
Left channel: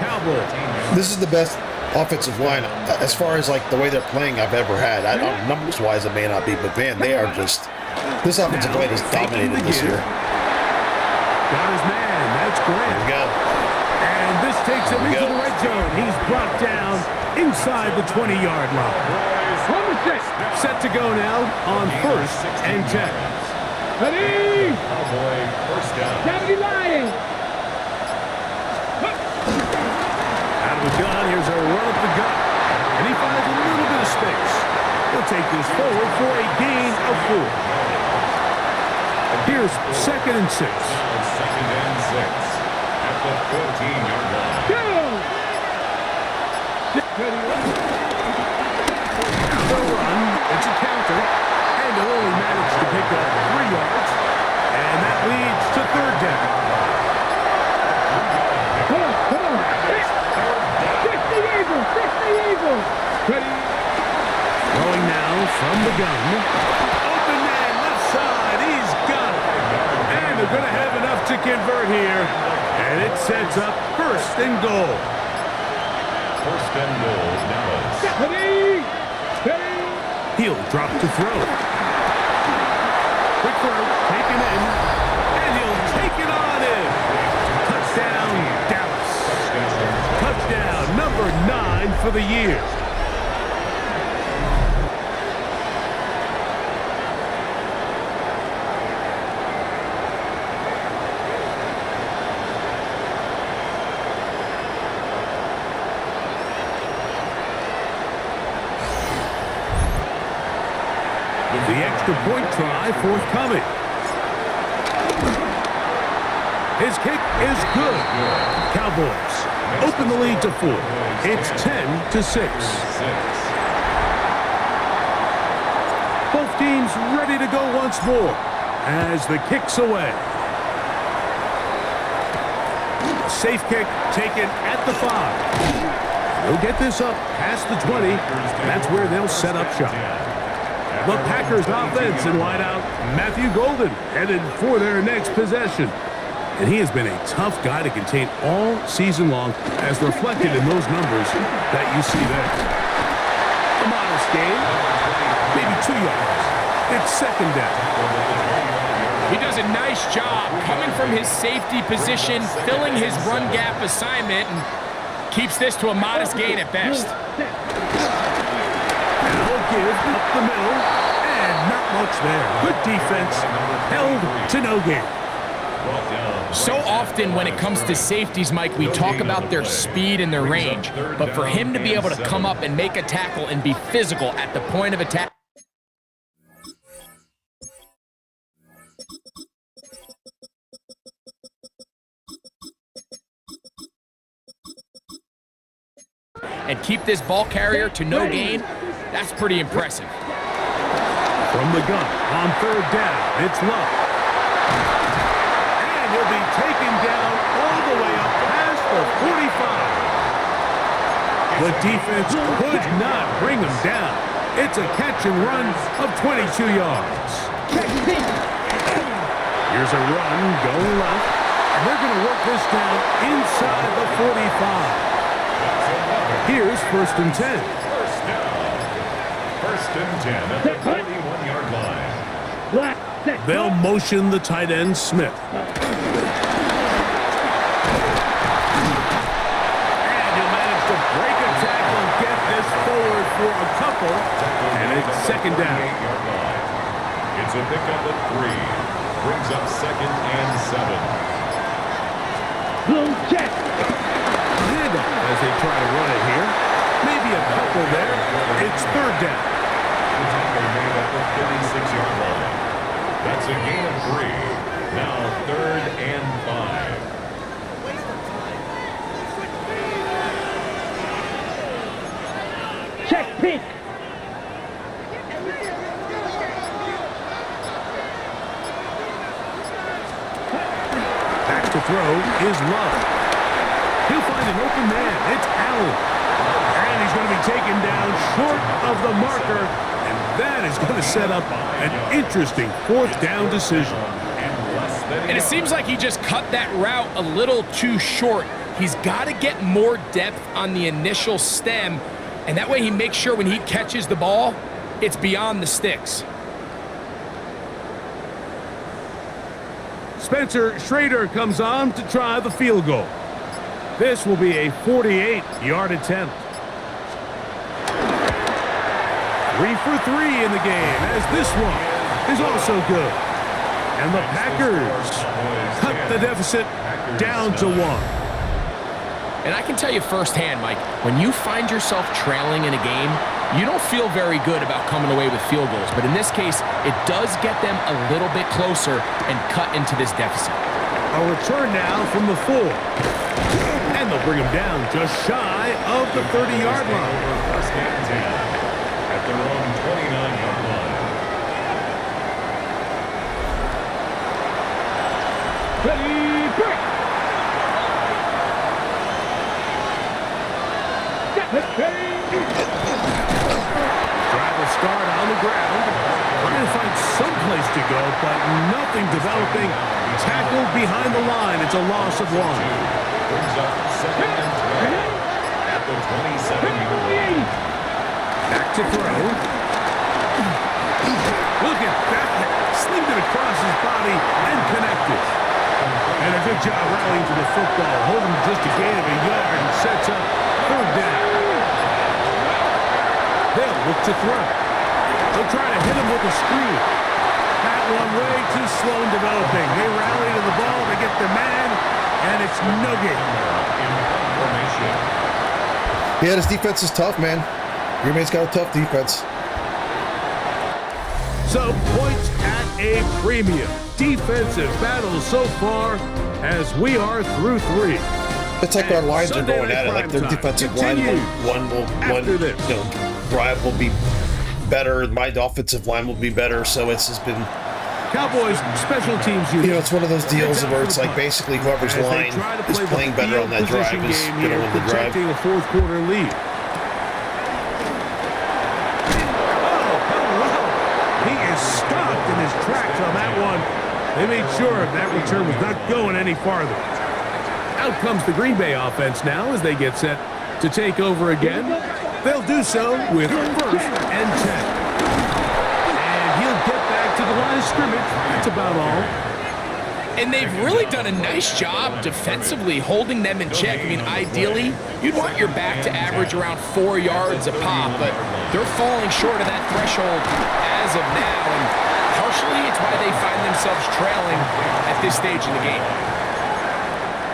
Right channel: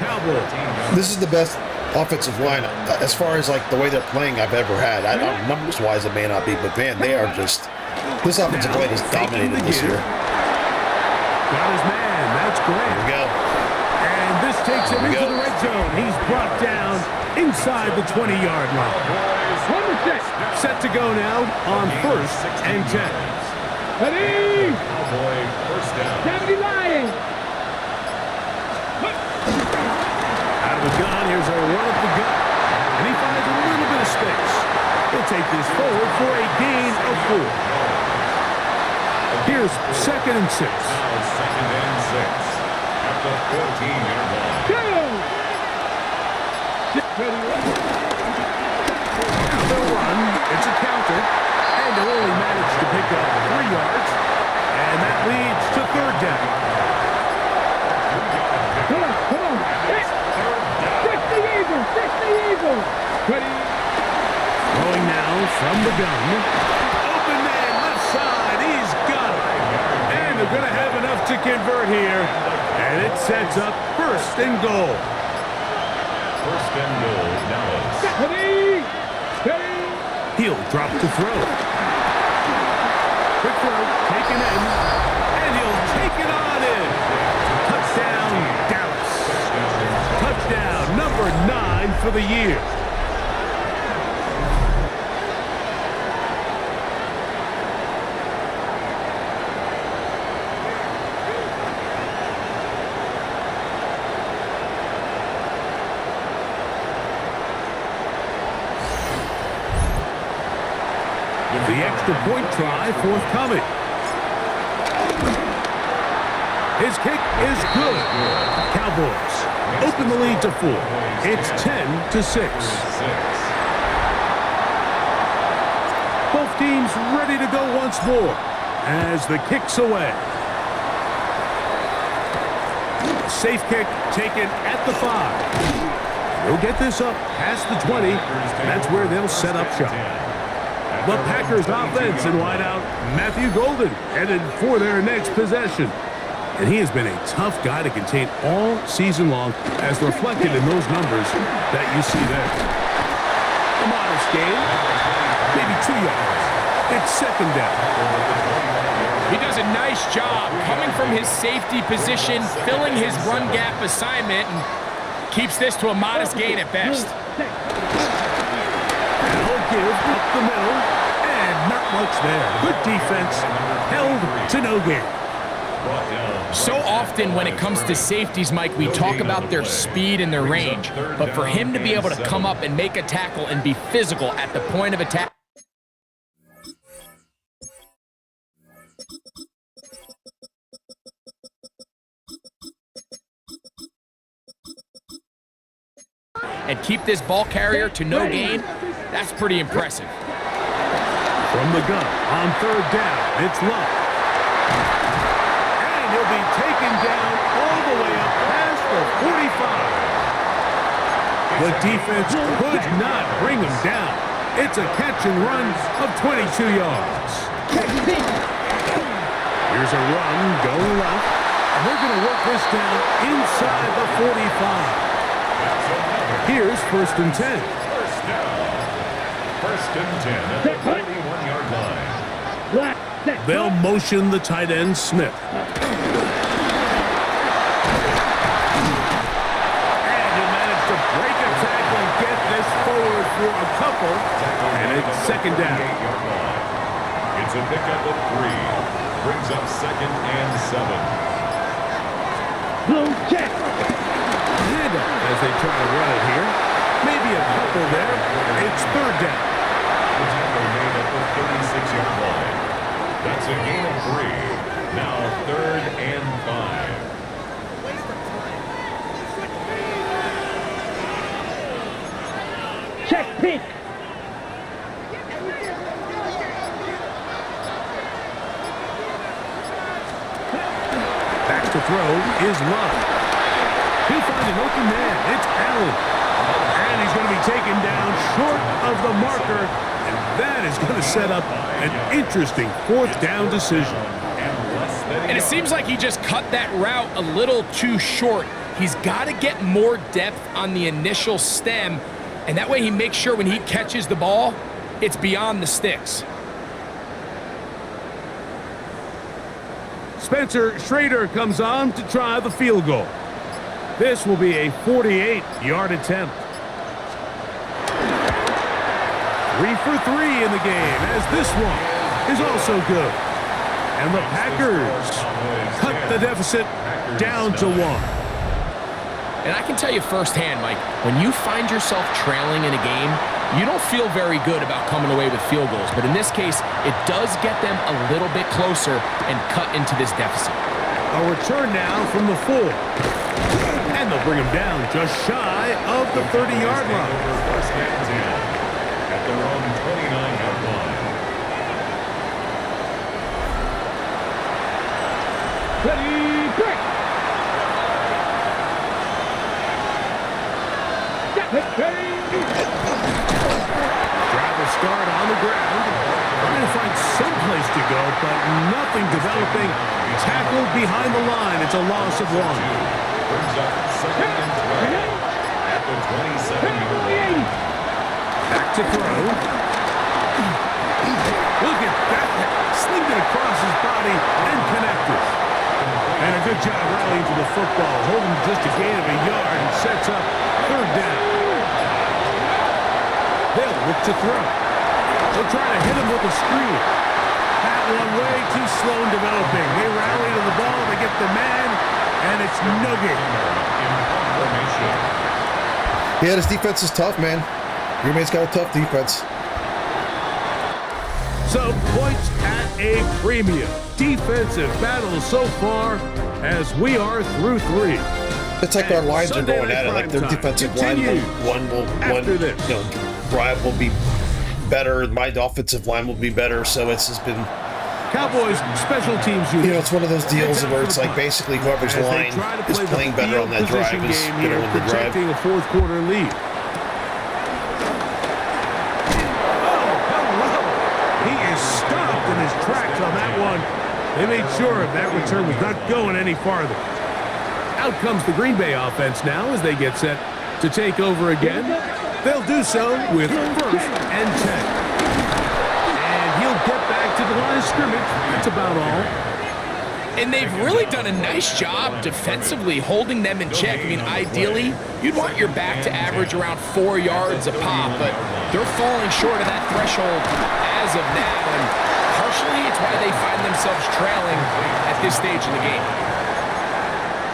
This is the best offensive line as far as like the way they're playing I've ever had. Numbers-wise, it may not be, but man, they are just. This offensive line is dominated this year. Got his man. That's Grant. Here we go. And this takes him into the red zone. He's brought down inside the 20-yard line. Set to go now on first and 10. Ready. Cowboy first down. 70 Lions. Out of the gun, here's a run up the gut. And he finds a little bit of space. He'll take this forward for a gain of 4. Here's second and 6. Now second and 6 at the 14-yard line. Go. Now they'll run. It's a counter. And he'll only manage to pick up 3 yards. And that leads to third down. Come on. 60 Eagles. Ready. Throwing now from the gun. Open man, left side. He's got it. And they're going to have enough to convert here. And it sets up first and goal. First and goal, Dallas. Ready. He'll drop to throw. Quick throw, taken in. And he'll take it on in. Touchdown, Dallas. Touchdown, number 9 for the year. The extra point try forthcoming. His kick is good. Cowboys open the lead to 4. It's 10-6. Both teams ready to go once more as the kick's away. A safe kick taken at the 5. They'll get this up past the 20. That's where they'll set up shop. The Packers offense in wideout, Matthew Golden, headed for their next possession. And he has been a tough guy to contain all season long, as reflected in those numbers that you see there. A modest gain, maybe 2 yards. It's second down. He does a nice job coming from his safety position, filling his run gap assignment, and keeps this to a modest gain at best. Now a give up the middle, and not much there. Good defense, held to no gain. So often when it comes to safeties, Mike, we talk about their speed and their range, but for him to be able to come up and make a tackle and be physical at the point of attack, and keep this ball carrier to no gain, that's pretty impressive. From the gun, on third down, it's Love. And he'll be taken down all the way up past the 45. The defense could not bring him down. It's a catch and run of 22 yards. Here's a run going left, and they're going to work this down inside the 45. Here's 1st and 10. First down. 1st and 10 at the 41-yard line. They'll motion the tight end, Smith. And he'll manage to break a tackle, get this forward for a couple, and it's 2nd down. It's a pickup of 3. Brings up 2nd and 7. Blue check. Handoff as they try to run it here. Maybe a couple there. It's 3rd down. The tackle made at the 36-yard line. That's a gain of 3. Now 3rd and 5. Check pick. Back to throw is Love. He'll find an open man. It's Allen. And he's going to be taken down short of the marker. And that is going to set up an interesting 4th down decision. and it seems like he just cut that route a little too short. He's got to get more depth on the initial stem, and that way he makes sure when he catches the ball, it's beyond the sticks. Spencer Schrader comes on to try the field goal. This will be a 48-yard attempt. 3 for 3 in the game, as this one is also good. And the Packers cut the deficit down to 1. And I can tell you firsthand, Mike, when you find yourself trailing in a game, you don't feel very good about coming away with field goals. But in this case, it does get them a little bit closer and cut into this deficit. A return now from the 4. And they'll bring him down just shy of the 30-yard line. Over 1st and 10 at their own 29-yard line. Ready, break! Travis Guard on the ground, trying to find some place to go, but nothing developing. Tackled behind the line. It's a loss of 1. Brings up 2nd and 12 at the 27-yard line. Back to throw. Look at that. Slinged it across his body and connected. And a good job rallying to the football, holding just a gain of a yard and sets up 3rd down. They'll look to throw. They'll try to hit him with a screen. That one way too slow in developing. They rally to the ball, they get the man, and it's no gain. Yeah, this defense is tough, man. Green Bay's got a tough defense. So points at a premium. Defensive battle so far as we are through 3. It's like our lines are Sunday going at it. Like their Night defensive Prime line, continues drive will be better. My offensive line will be better. So it's just been, Cowboys special teams unit. you know, it's one of those deals where it's like basically whoever's As they line try to is play the playing better field on that drive position is game going to here, win the drive. projecting a 4th quarter lead. Oh, hello! He is stopped in his tracks on that one. They made sure that return was not going any farther. Out comes the Green Bay offense now as they get set to take over again. They'll do so with 1st and 10. And he'll get back to the line of scrimmage. That's about all. And they've really done a nice job defensively holding them in check. I mean, ideally, you'd want your back to average around 4 yards a pop, but they're falling short of that threshold as of now. And hard partially it's why they find themselves trailing at this stage in the game.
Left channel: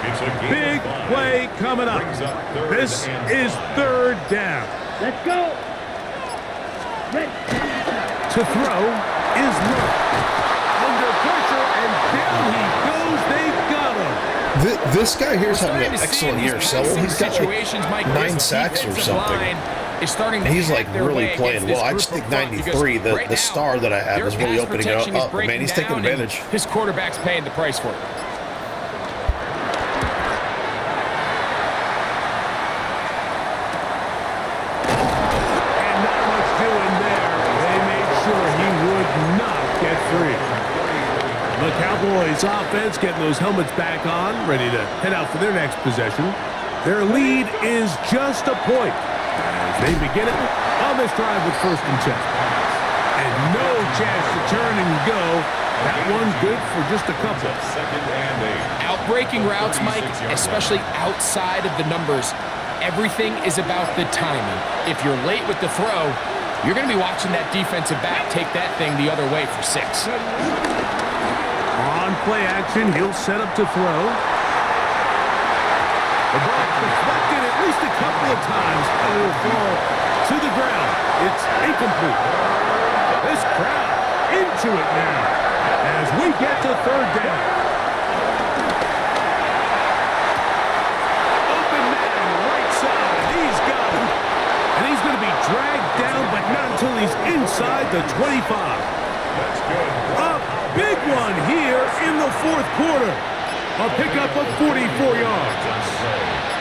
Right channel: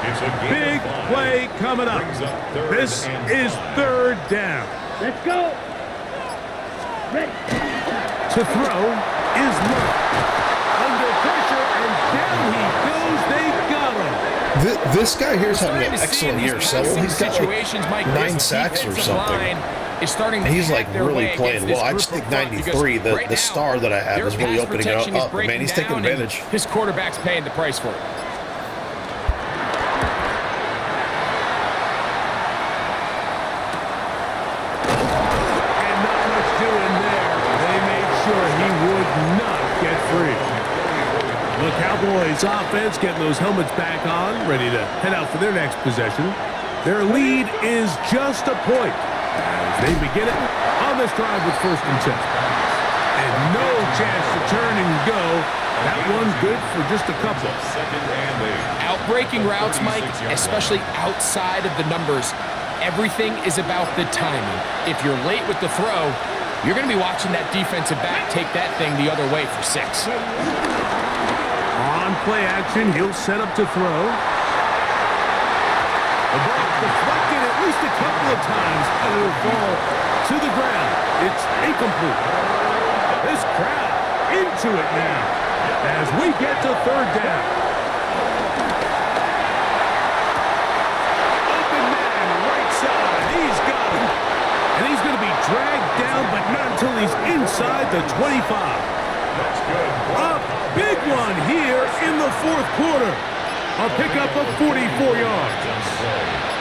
It's a game Big of 5. play coming up. Brings up third This and is 5. third down. Let's go. Ready. To throw is Love. Under pressure, and down he goes. They got him. This guy here is having Starting an to see in excellent these year. So passing he's got situations, like Mike, 9 this sacks or defensive something. line is starting to And he's like hack their really way playing against this well. I just group think of front, because 93, right the now, star that I have, their is really pass opening it protection is up. Man, breaking he's taking down, and advantage. His quarterback's paying the price for it. And not much doing there. They made sure he would not get free. The Cowboys offense getting those helmets back on, ready to head out for their next possession. Their lead is just a point as they begin it on this drive with 1st and 10. And no chance to turn and go. That one's good for just a couple. Second and 8. Outbreaking routes, Mike, especially outside of the numbers, everything is about the timing. If you're late with the throw, you're going to be watching that defensive back take that thing the other way for 6. On play action, he'll set up to throw. The ball deflected at least a couple of times, and it'll fall to the ground. It's incomplete. This crowd into it now as we get to 3rd down. Open man, right side. He's got him. And he's going to be dragged down, but not until he's inside the 25. That's good. A big one here in the 4th quarter. A pickup of 44 yards.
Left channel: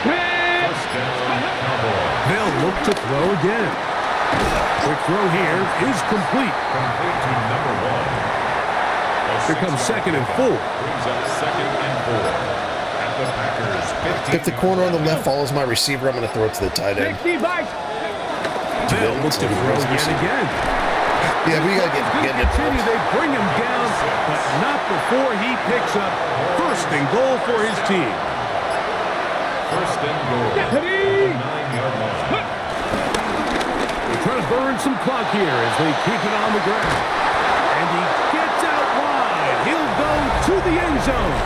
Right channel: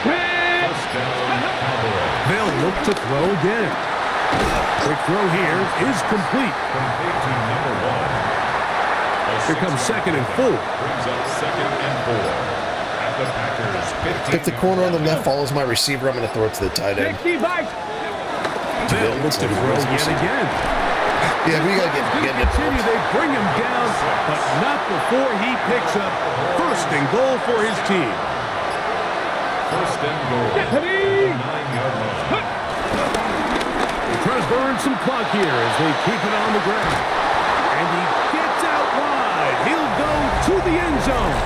First down, Cowboys. They'll look to throw again. Quick throw here is complete. Complete to number 1. Here comes 2nd and 4. Brings up 2nd and 4. At the Packers 15. If the corner on the left follows my receiver, I'm going to throw it to the tight end. 60 bites. They'll look to throw yet again. Yeah, we got to Going get to it. continue. They bring him down, but not before he picks up 1st and goal for his team. First and goal. Deputy. At the 9-yard line. They try to burn some clock here as they keep it on the ground. And he gets out wide. He'll go to the end zone.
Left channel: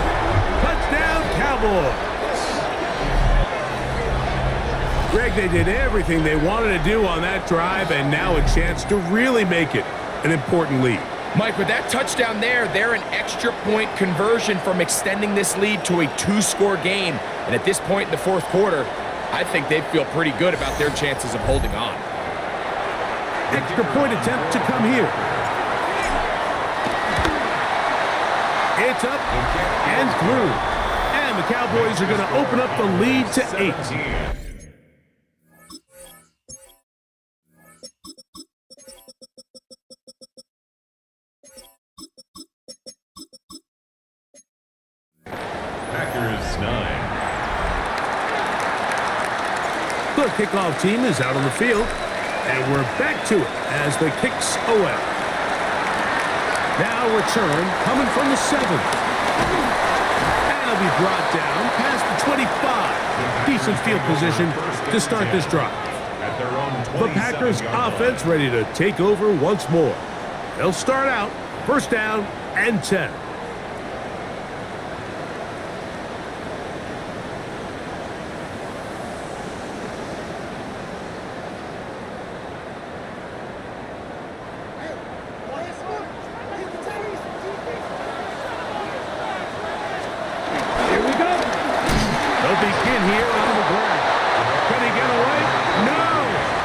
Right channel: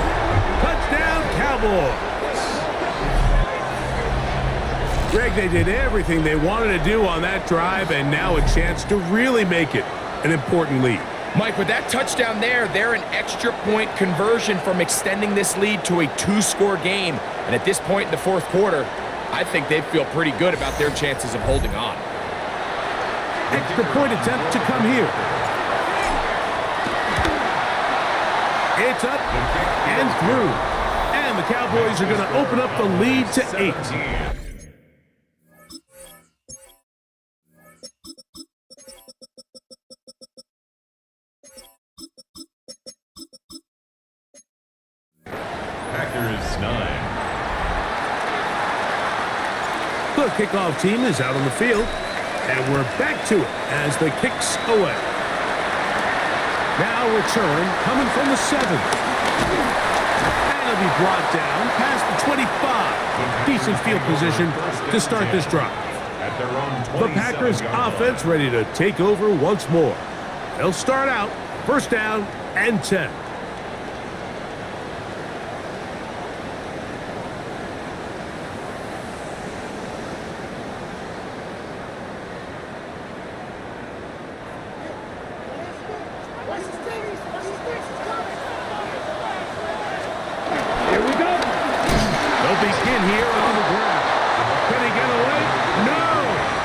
Touchdown, Cowboys. Greg, they did everything they wanted to do on that drive, and now a chance to really make it an important lead. Mike, with that touchdown there, they're an extra point conversion from extending this lead to a 2-score game. And at this point in the 4th quarter, I think they feel pretty good about their chances of holding on. Extra point attempt to come here. It's up and through. And the Cowboys are going to open up the lead to 8. 17. Packers 9. The kickoff team is out on the field, and we're back to it as the kicks away. Now return coming from the 7th. And it'll be brought down past the 25. Decent field position to start this drive. At their own The Packers 27-yard offense line. ready to take over once more. They'll start out 1st down and 10. Here we go. They'll begin here on the ground. Can he get away? No!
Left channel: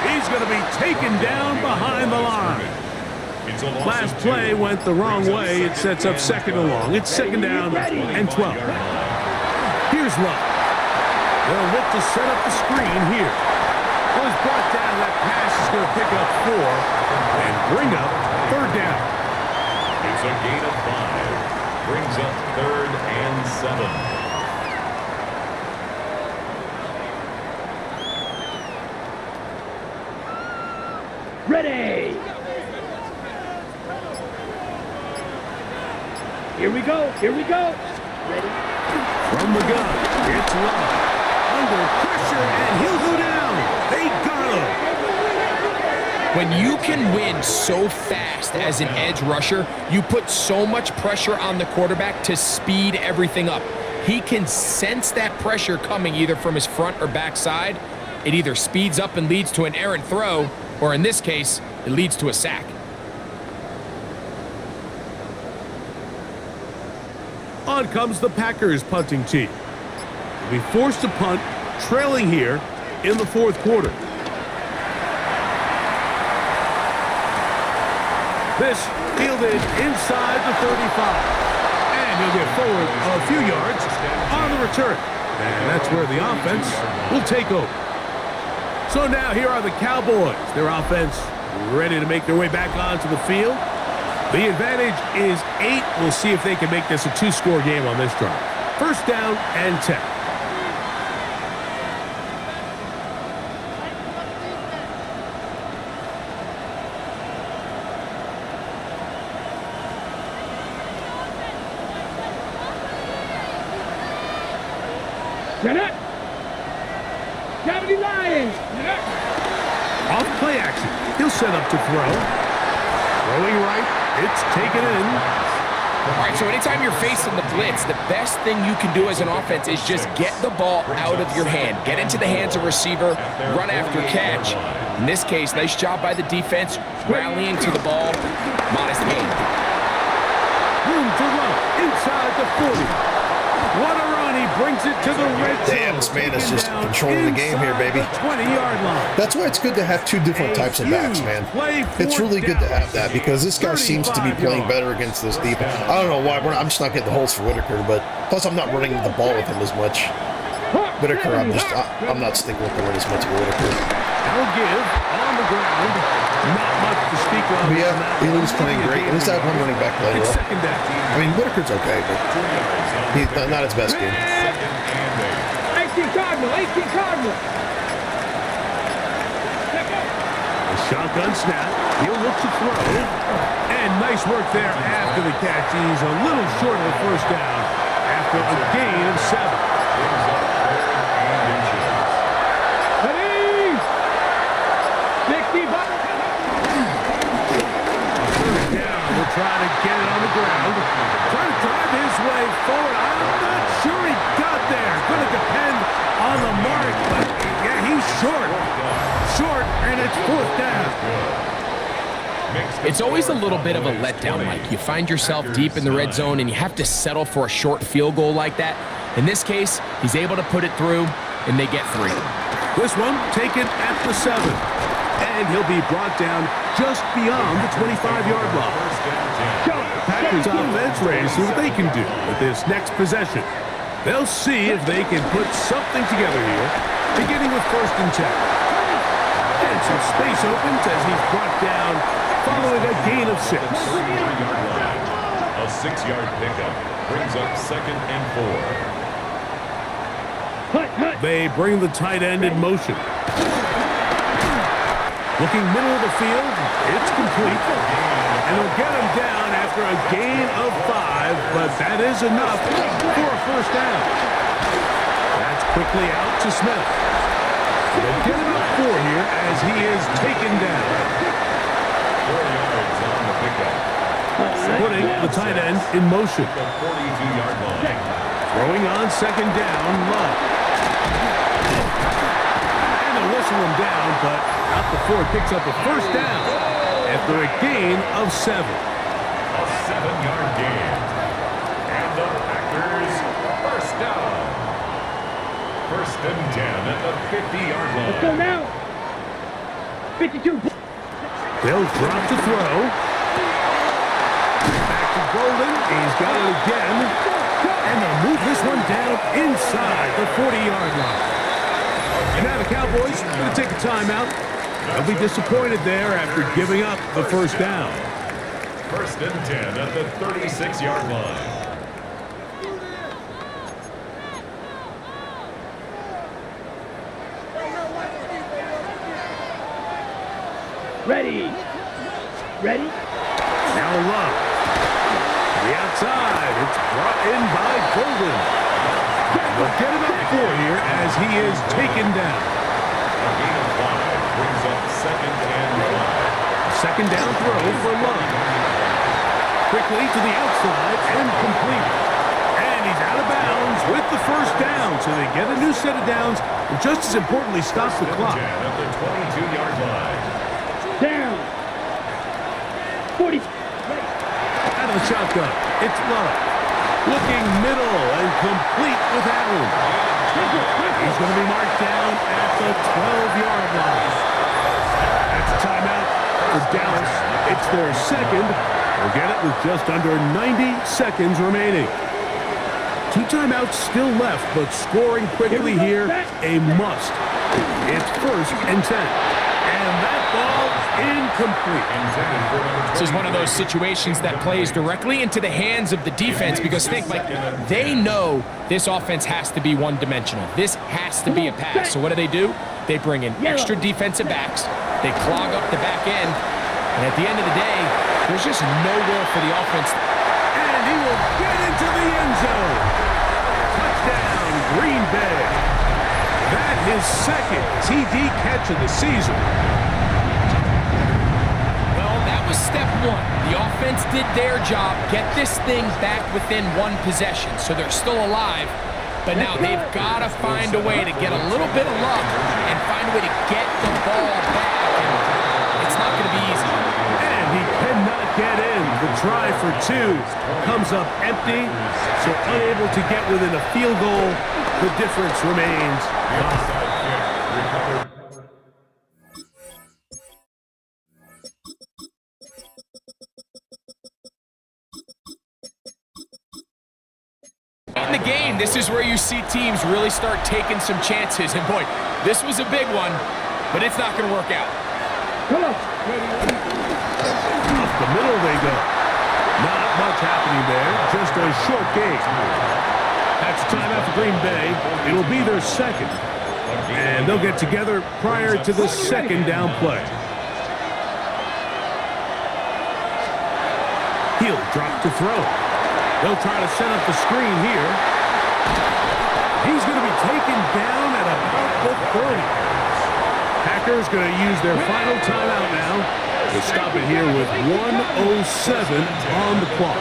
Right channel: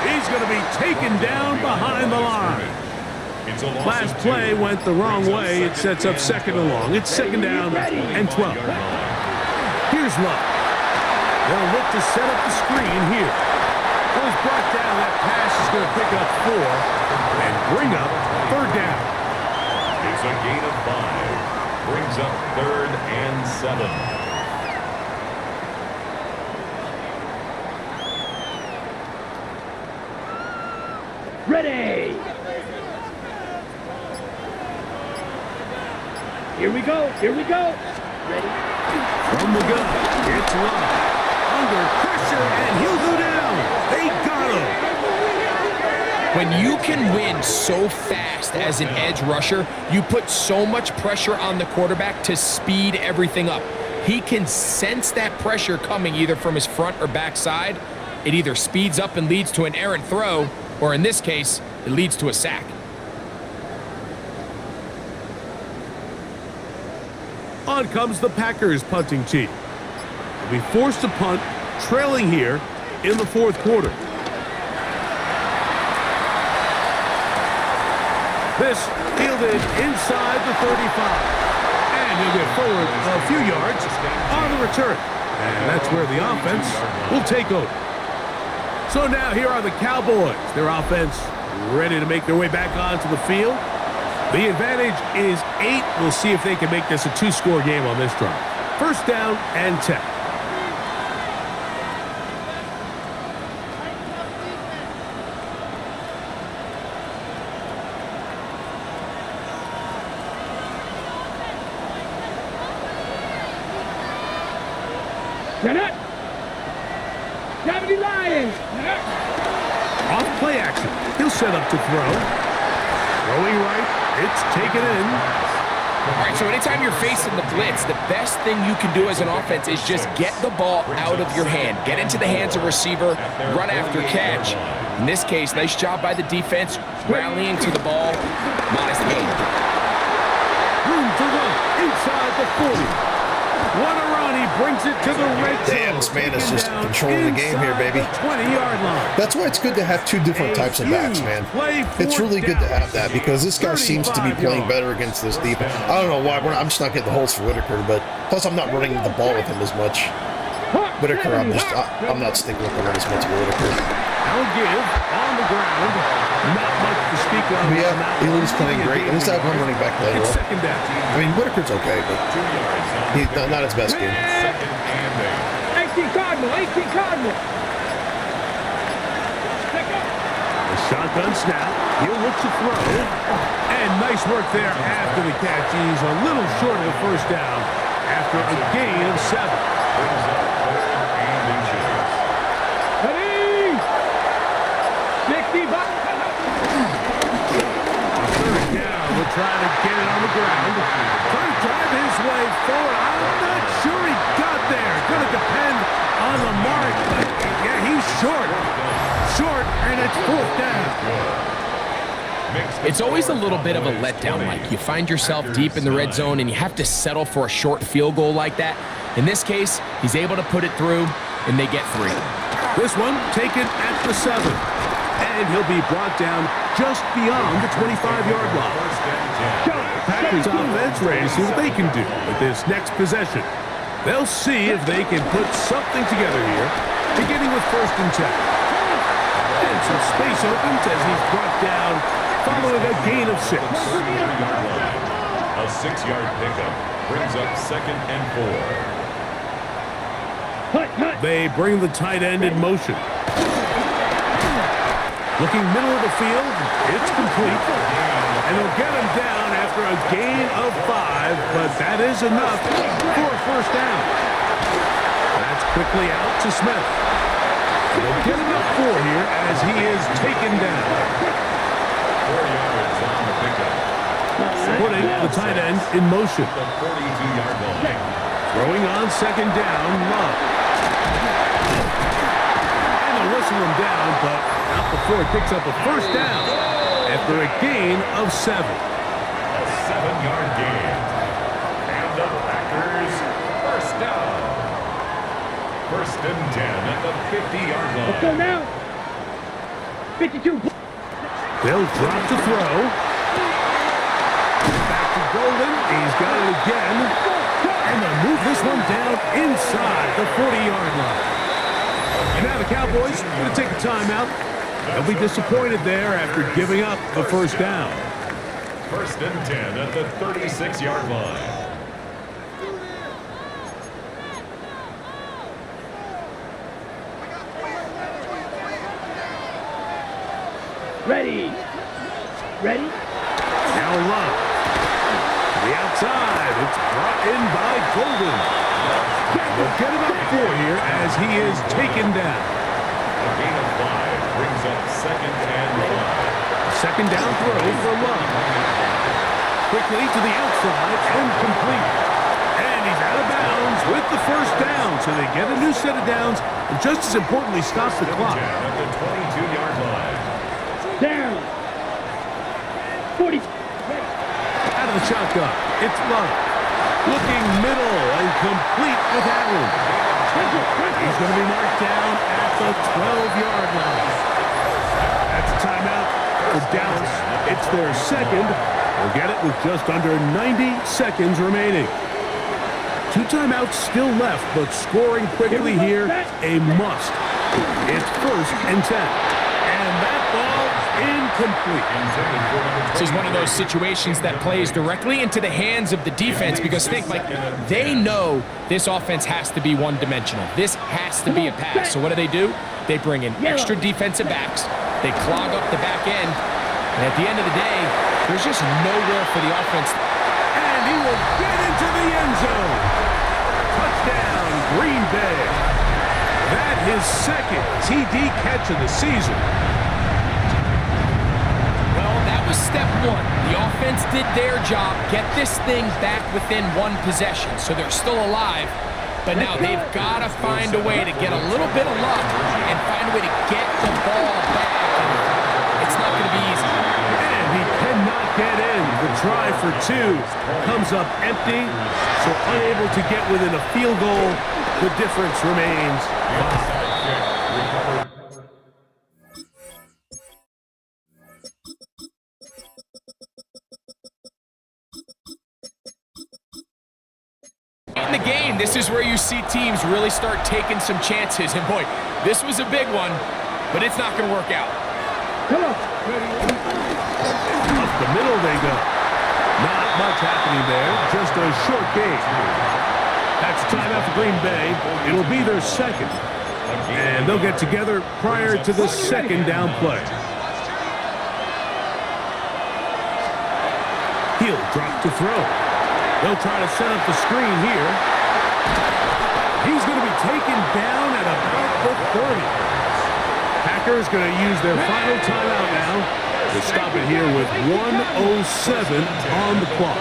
He's going to be taken down behind the line. It's a loss Last of 2. play went the wrong Brings up way. It sets up 2nd and long. It's 2nd down and 12. 25-yard line. Here's Love. They'll look to set up the screen here. Well, he's brought down. That pass is going to pick up 4 and bring up 3rd down. It's a gain of 5. Brings up 3rd and 7. Ready. Here we go. Here we go. Ready. From the gun, it's Love. Under pressure, and he'll go down. They got him. When you can win so fast as an edge rusher, you put so much pressure on the quarterback to speed everything up. He can sense that pressure coming either from his front or back side. It either speeds up and leads to an errant throw, or in this case, it leads to a sack. On comes the Packers punting team. They'll be forced to punt, trailing here in the fourth quarter. This fielded inside the 35. And he'll get forward a few yards on the return. And that's where the offense will take over. So now here are the Cowboys. Their offense ready to make their way back onto the field. The advantage is 8. We'll see if they can make this a 2-score game on this drive. First down and 10. Get it! 70 Lions! Off play action. He'll set up to throw. Throwing right. It's taken in. All right, so anytime you're facing the blitz, the best thing you can do as an offense is just get the ball out of your hand. Get into the hands of receiver, run after catch. In this case, nice job by the defense, rallying to the ball. Modest gain. Room to run inside the 40. What a run. He brings it to the red zone. Damn, this man is just controlling the game here, baby. 20-yard line. That's why it's good to have two different types of backs, man. It's really good to have that because this guy seems to be playing better against this deep. I don't know why. I'm just not getting the holes for Whitaker, but plus I'm not running the ball with him as much. Whitaker, I'm not sticking with him as much as Whitaker. Now give on the ground. Not much to speak of. Yeah, Elu's playing great. And this that one running back playing well. Second down. I mean, Whitaker's okay, but he's not his best game. 18 Cardinal, 18 Cardinal. A shotgun snap. He'll look to throw. And nice work there after the catch. He's a little short of the first down after a gain of 7. Ready? 65. Third down, we'll try to get it on the ground. Trying to drive his way forward. I'm not sure he got there. Going to depend on the mark, but yeah, he's short. Short, and it's fourth down. It's always a little bit of a letdown, Mike. You find yourself deep in the red zone, and you have to settle for a short field goal like that. In this case, he's able to put it through, and they get 3. This one taken at the 7. And he'll be brought down just beyond the 25-yard line. Packers offense ready to see what they can do with this next possession. They'll see if they can put something together here, beginning with 1st and 10. And some space opens as he's brought down following a gain of 6. A 6-yard pickup brings up 2nd and 4. They bring the tight end in motion. Looking middle of the field, it's complete. And they'll get him down after a gain of 5, but that is enough for a first down. That's quickly out to Smith. They'll get him up 4 here as he is taken down. 4 yards on the pickup. Putting the tight end in motion. The 42-yard line. Throwing on 2nd down, Love. Whistle him down, but not before it picks up a first down after a gain of 7. A 7-yard gain. And the Packers first down. 1st and 10 at the 50-yard line. Let's go now. 52. They'll drop to throw. Back to Golden. He's got it again. And they'll move this one down inside the 40-yard line. And now the Cowboys are going to take a timeout. They'll be disappointed there after giving up the first down. 1st and 10 at the 36-yard line. Ready. Ready? Now Love. To the outside. It's brought in by Golden. They'll get him up 4 here as he is taken down. A gain of 5 brings up 2nd and 5. Second down throw for Love. Quickly to the outside and complete. And he's out of bounds with the first down. So they get a new set of downs and just as importantly stop the clock. At the 22-yard line. Down. 40. Out of the shotgun, it's Love. Looking middle and complete with Allen. He's going to be marked down at the 12-yard line. That's a timeout for Dallas. It's their second. We'll get it with just under 90 seconds remaining. 2 timeouts still left, but scoring quickly here, a must. It's 1st and 10. And that ball incomplete. This is one of those situations that plays directly into the hands of the defense because think, like, they know this offense has to be one-dimensional. This has to be a pass. So what do? They bring in extra defensive backs. They clog up the back end. And at the end of the day, there's just nowhere for the offense. And he will get into the end zone. Touchdown, Green Bay. That his second TD catch of the season. Well, that was step 1. The offense did their job, get this thing back within 1 possession, so they're still alive. But now they've got to find a way to get a little bit of luck and find a way to get the ball back. And it's not going to be easy. And he cannot get in. The try for 2 comes up empty, so unable to get within a field goal. The difference remains 5. Recovered. In the game, this is where you see teams really start taking some chances. And boy, this was a big one, but it's not going to work out. Come on. Up the middle they go. Not much happening there, just a short game. That's timeout for Green Bay. It'll be their second. And they'll get together prior to the second down play. He'll drop to throw. They'll try to set up the screen here. He's going to be taken down at about the 30. Packers going to use their final timeout now to stop it here with 1:07 on the clock.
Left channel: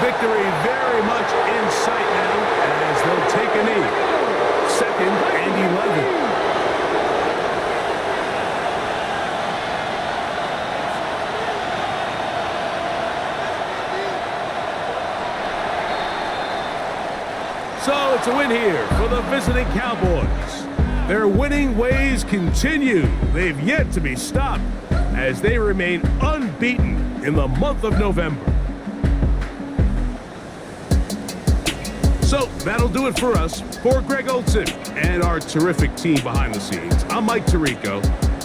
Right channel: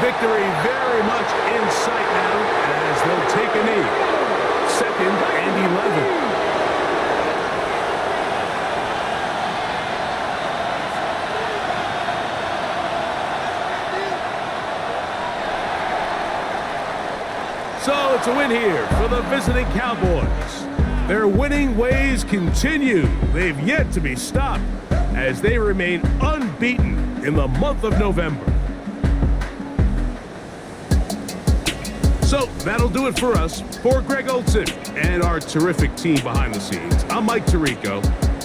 Victory very much in sight now as they'll take a knee. 2nd and 11. So it's a win here for the visiting Cowboys. Their winning ways continue. They've yet to be stopped as they remain unbeaten in the month of November. So that'll do it for us. For Greg Olson and our terrific team behind the scenes, I'm Mike Tirico.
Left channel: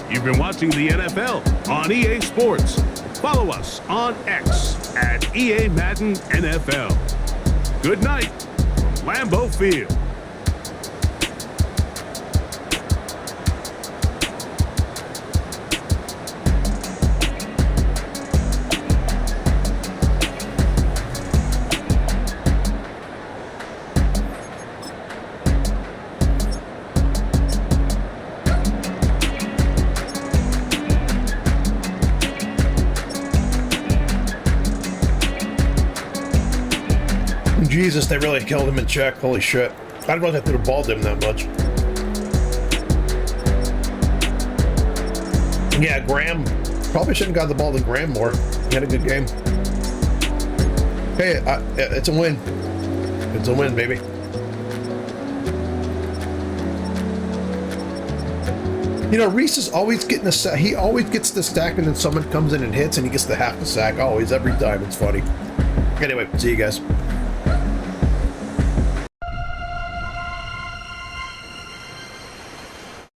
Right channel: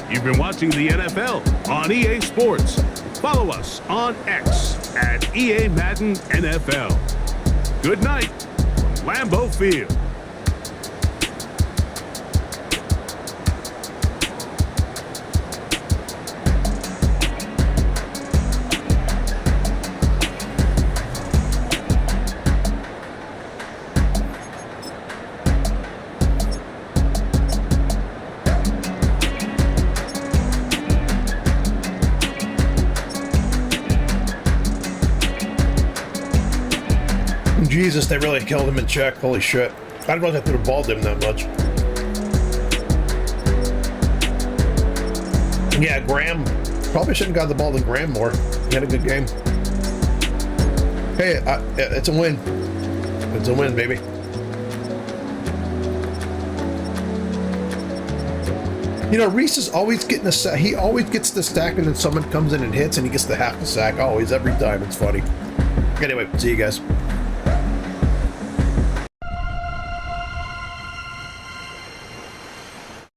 You've been watching the NFL on EA Sports. Follow us on X at EA Madden NFL. Good night from Lambeau Field. Jesus, they really killed him in check. Holy shit. I didn't realize I threw the ball to him that much. Yeah, Graham. Probably shouldn't have got the ball to Graham more. He had a good game. Hey, it's a win. It's a win, baby. You know, Reese is always getting a sack. He always gets the stack and then someone comes in and hits and he gets the half the sack. Always, every time. It's funny. Anyway, see you guys.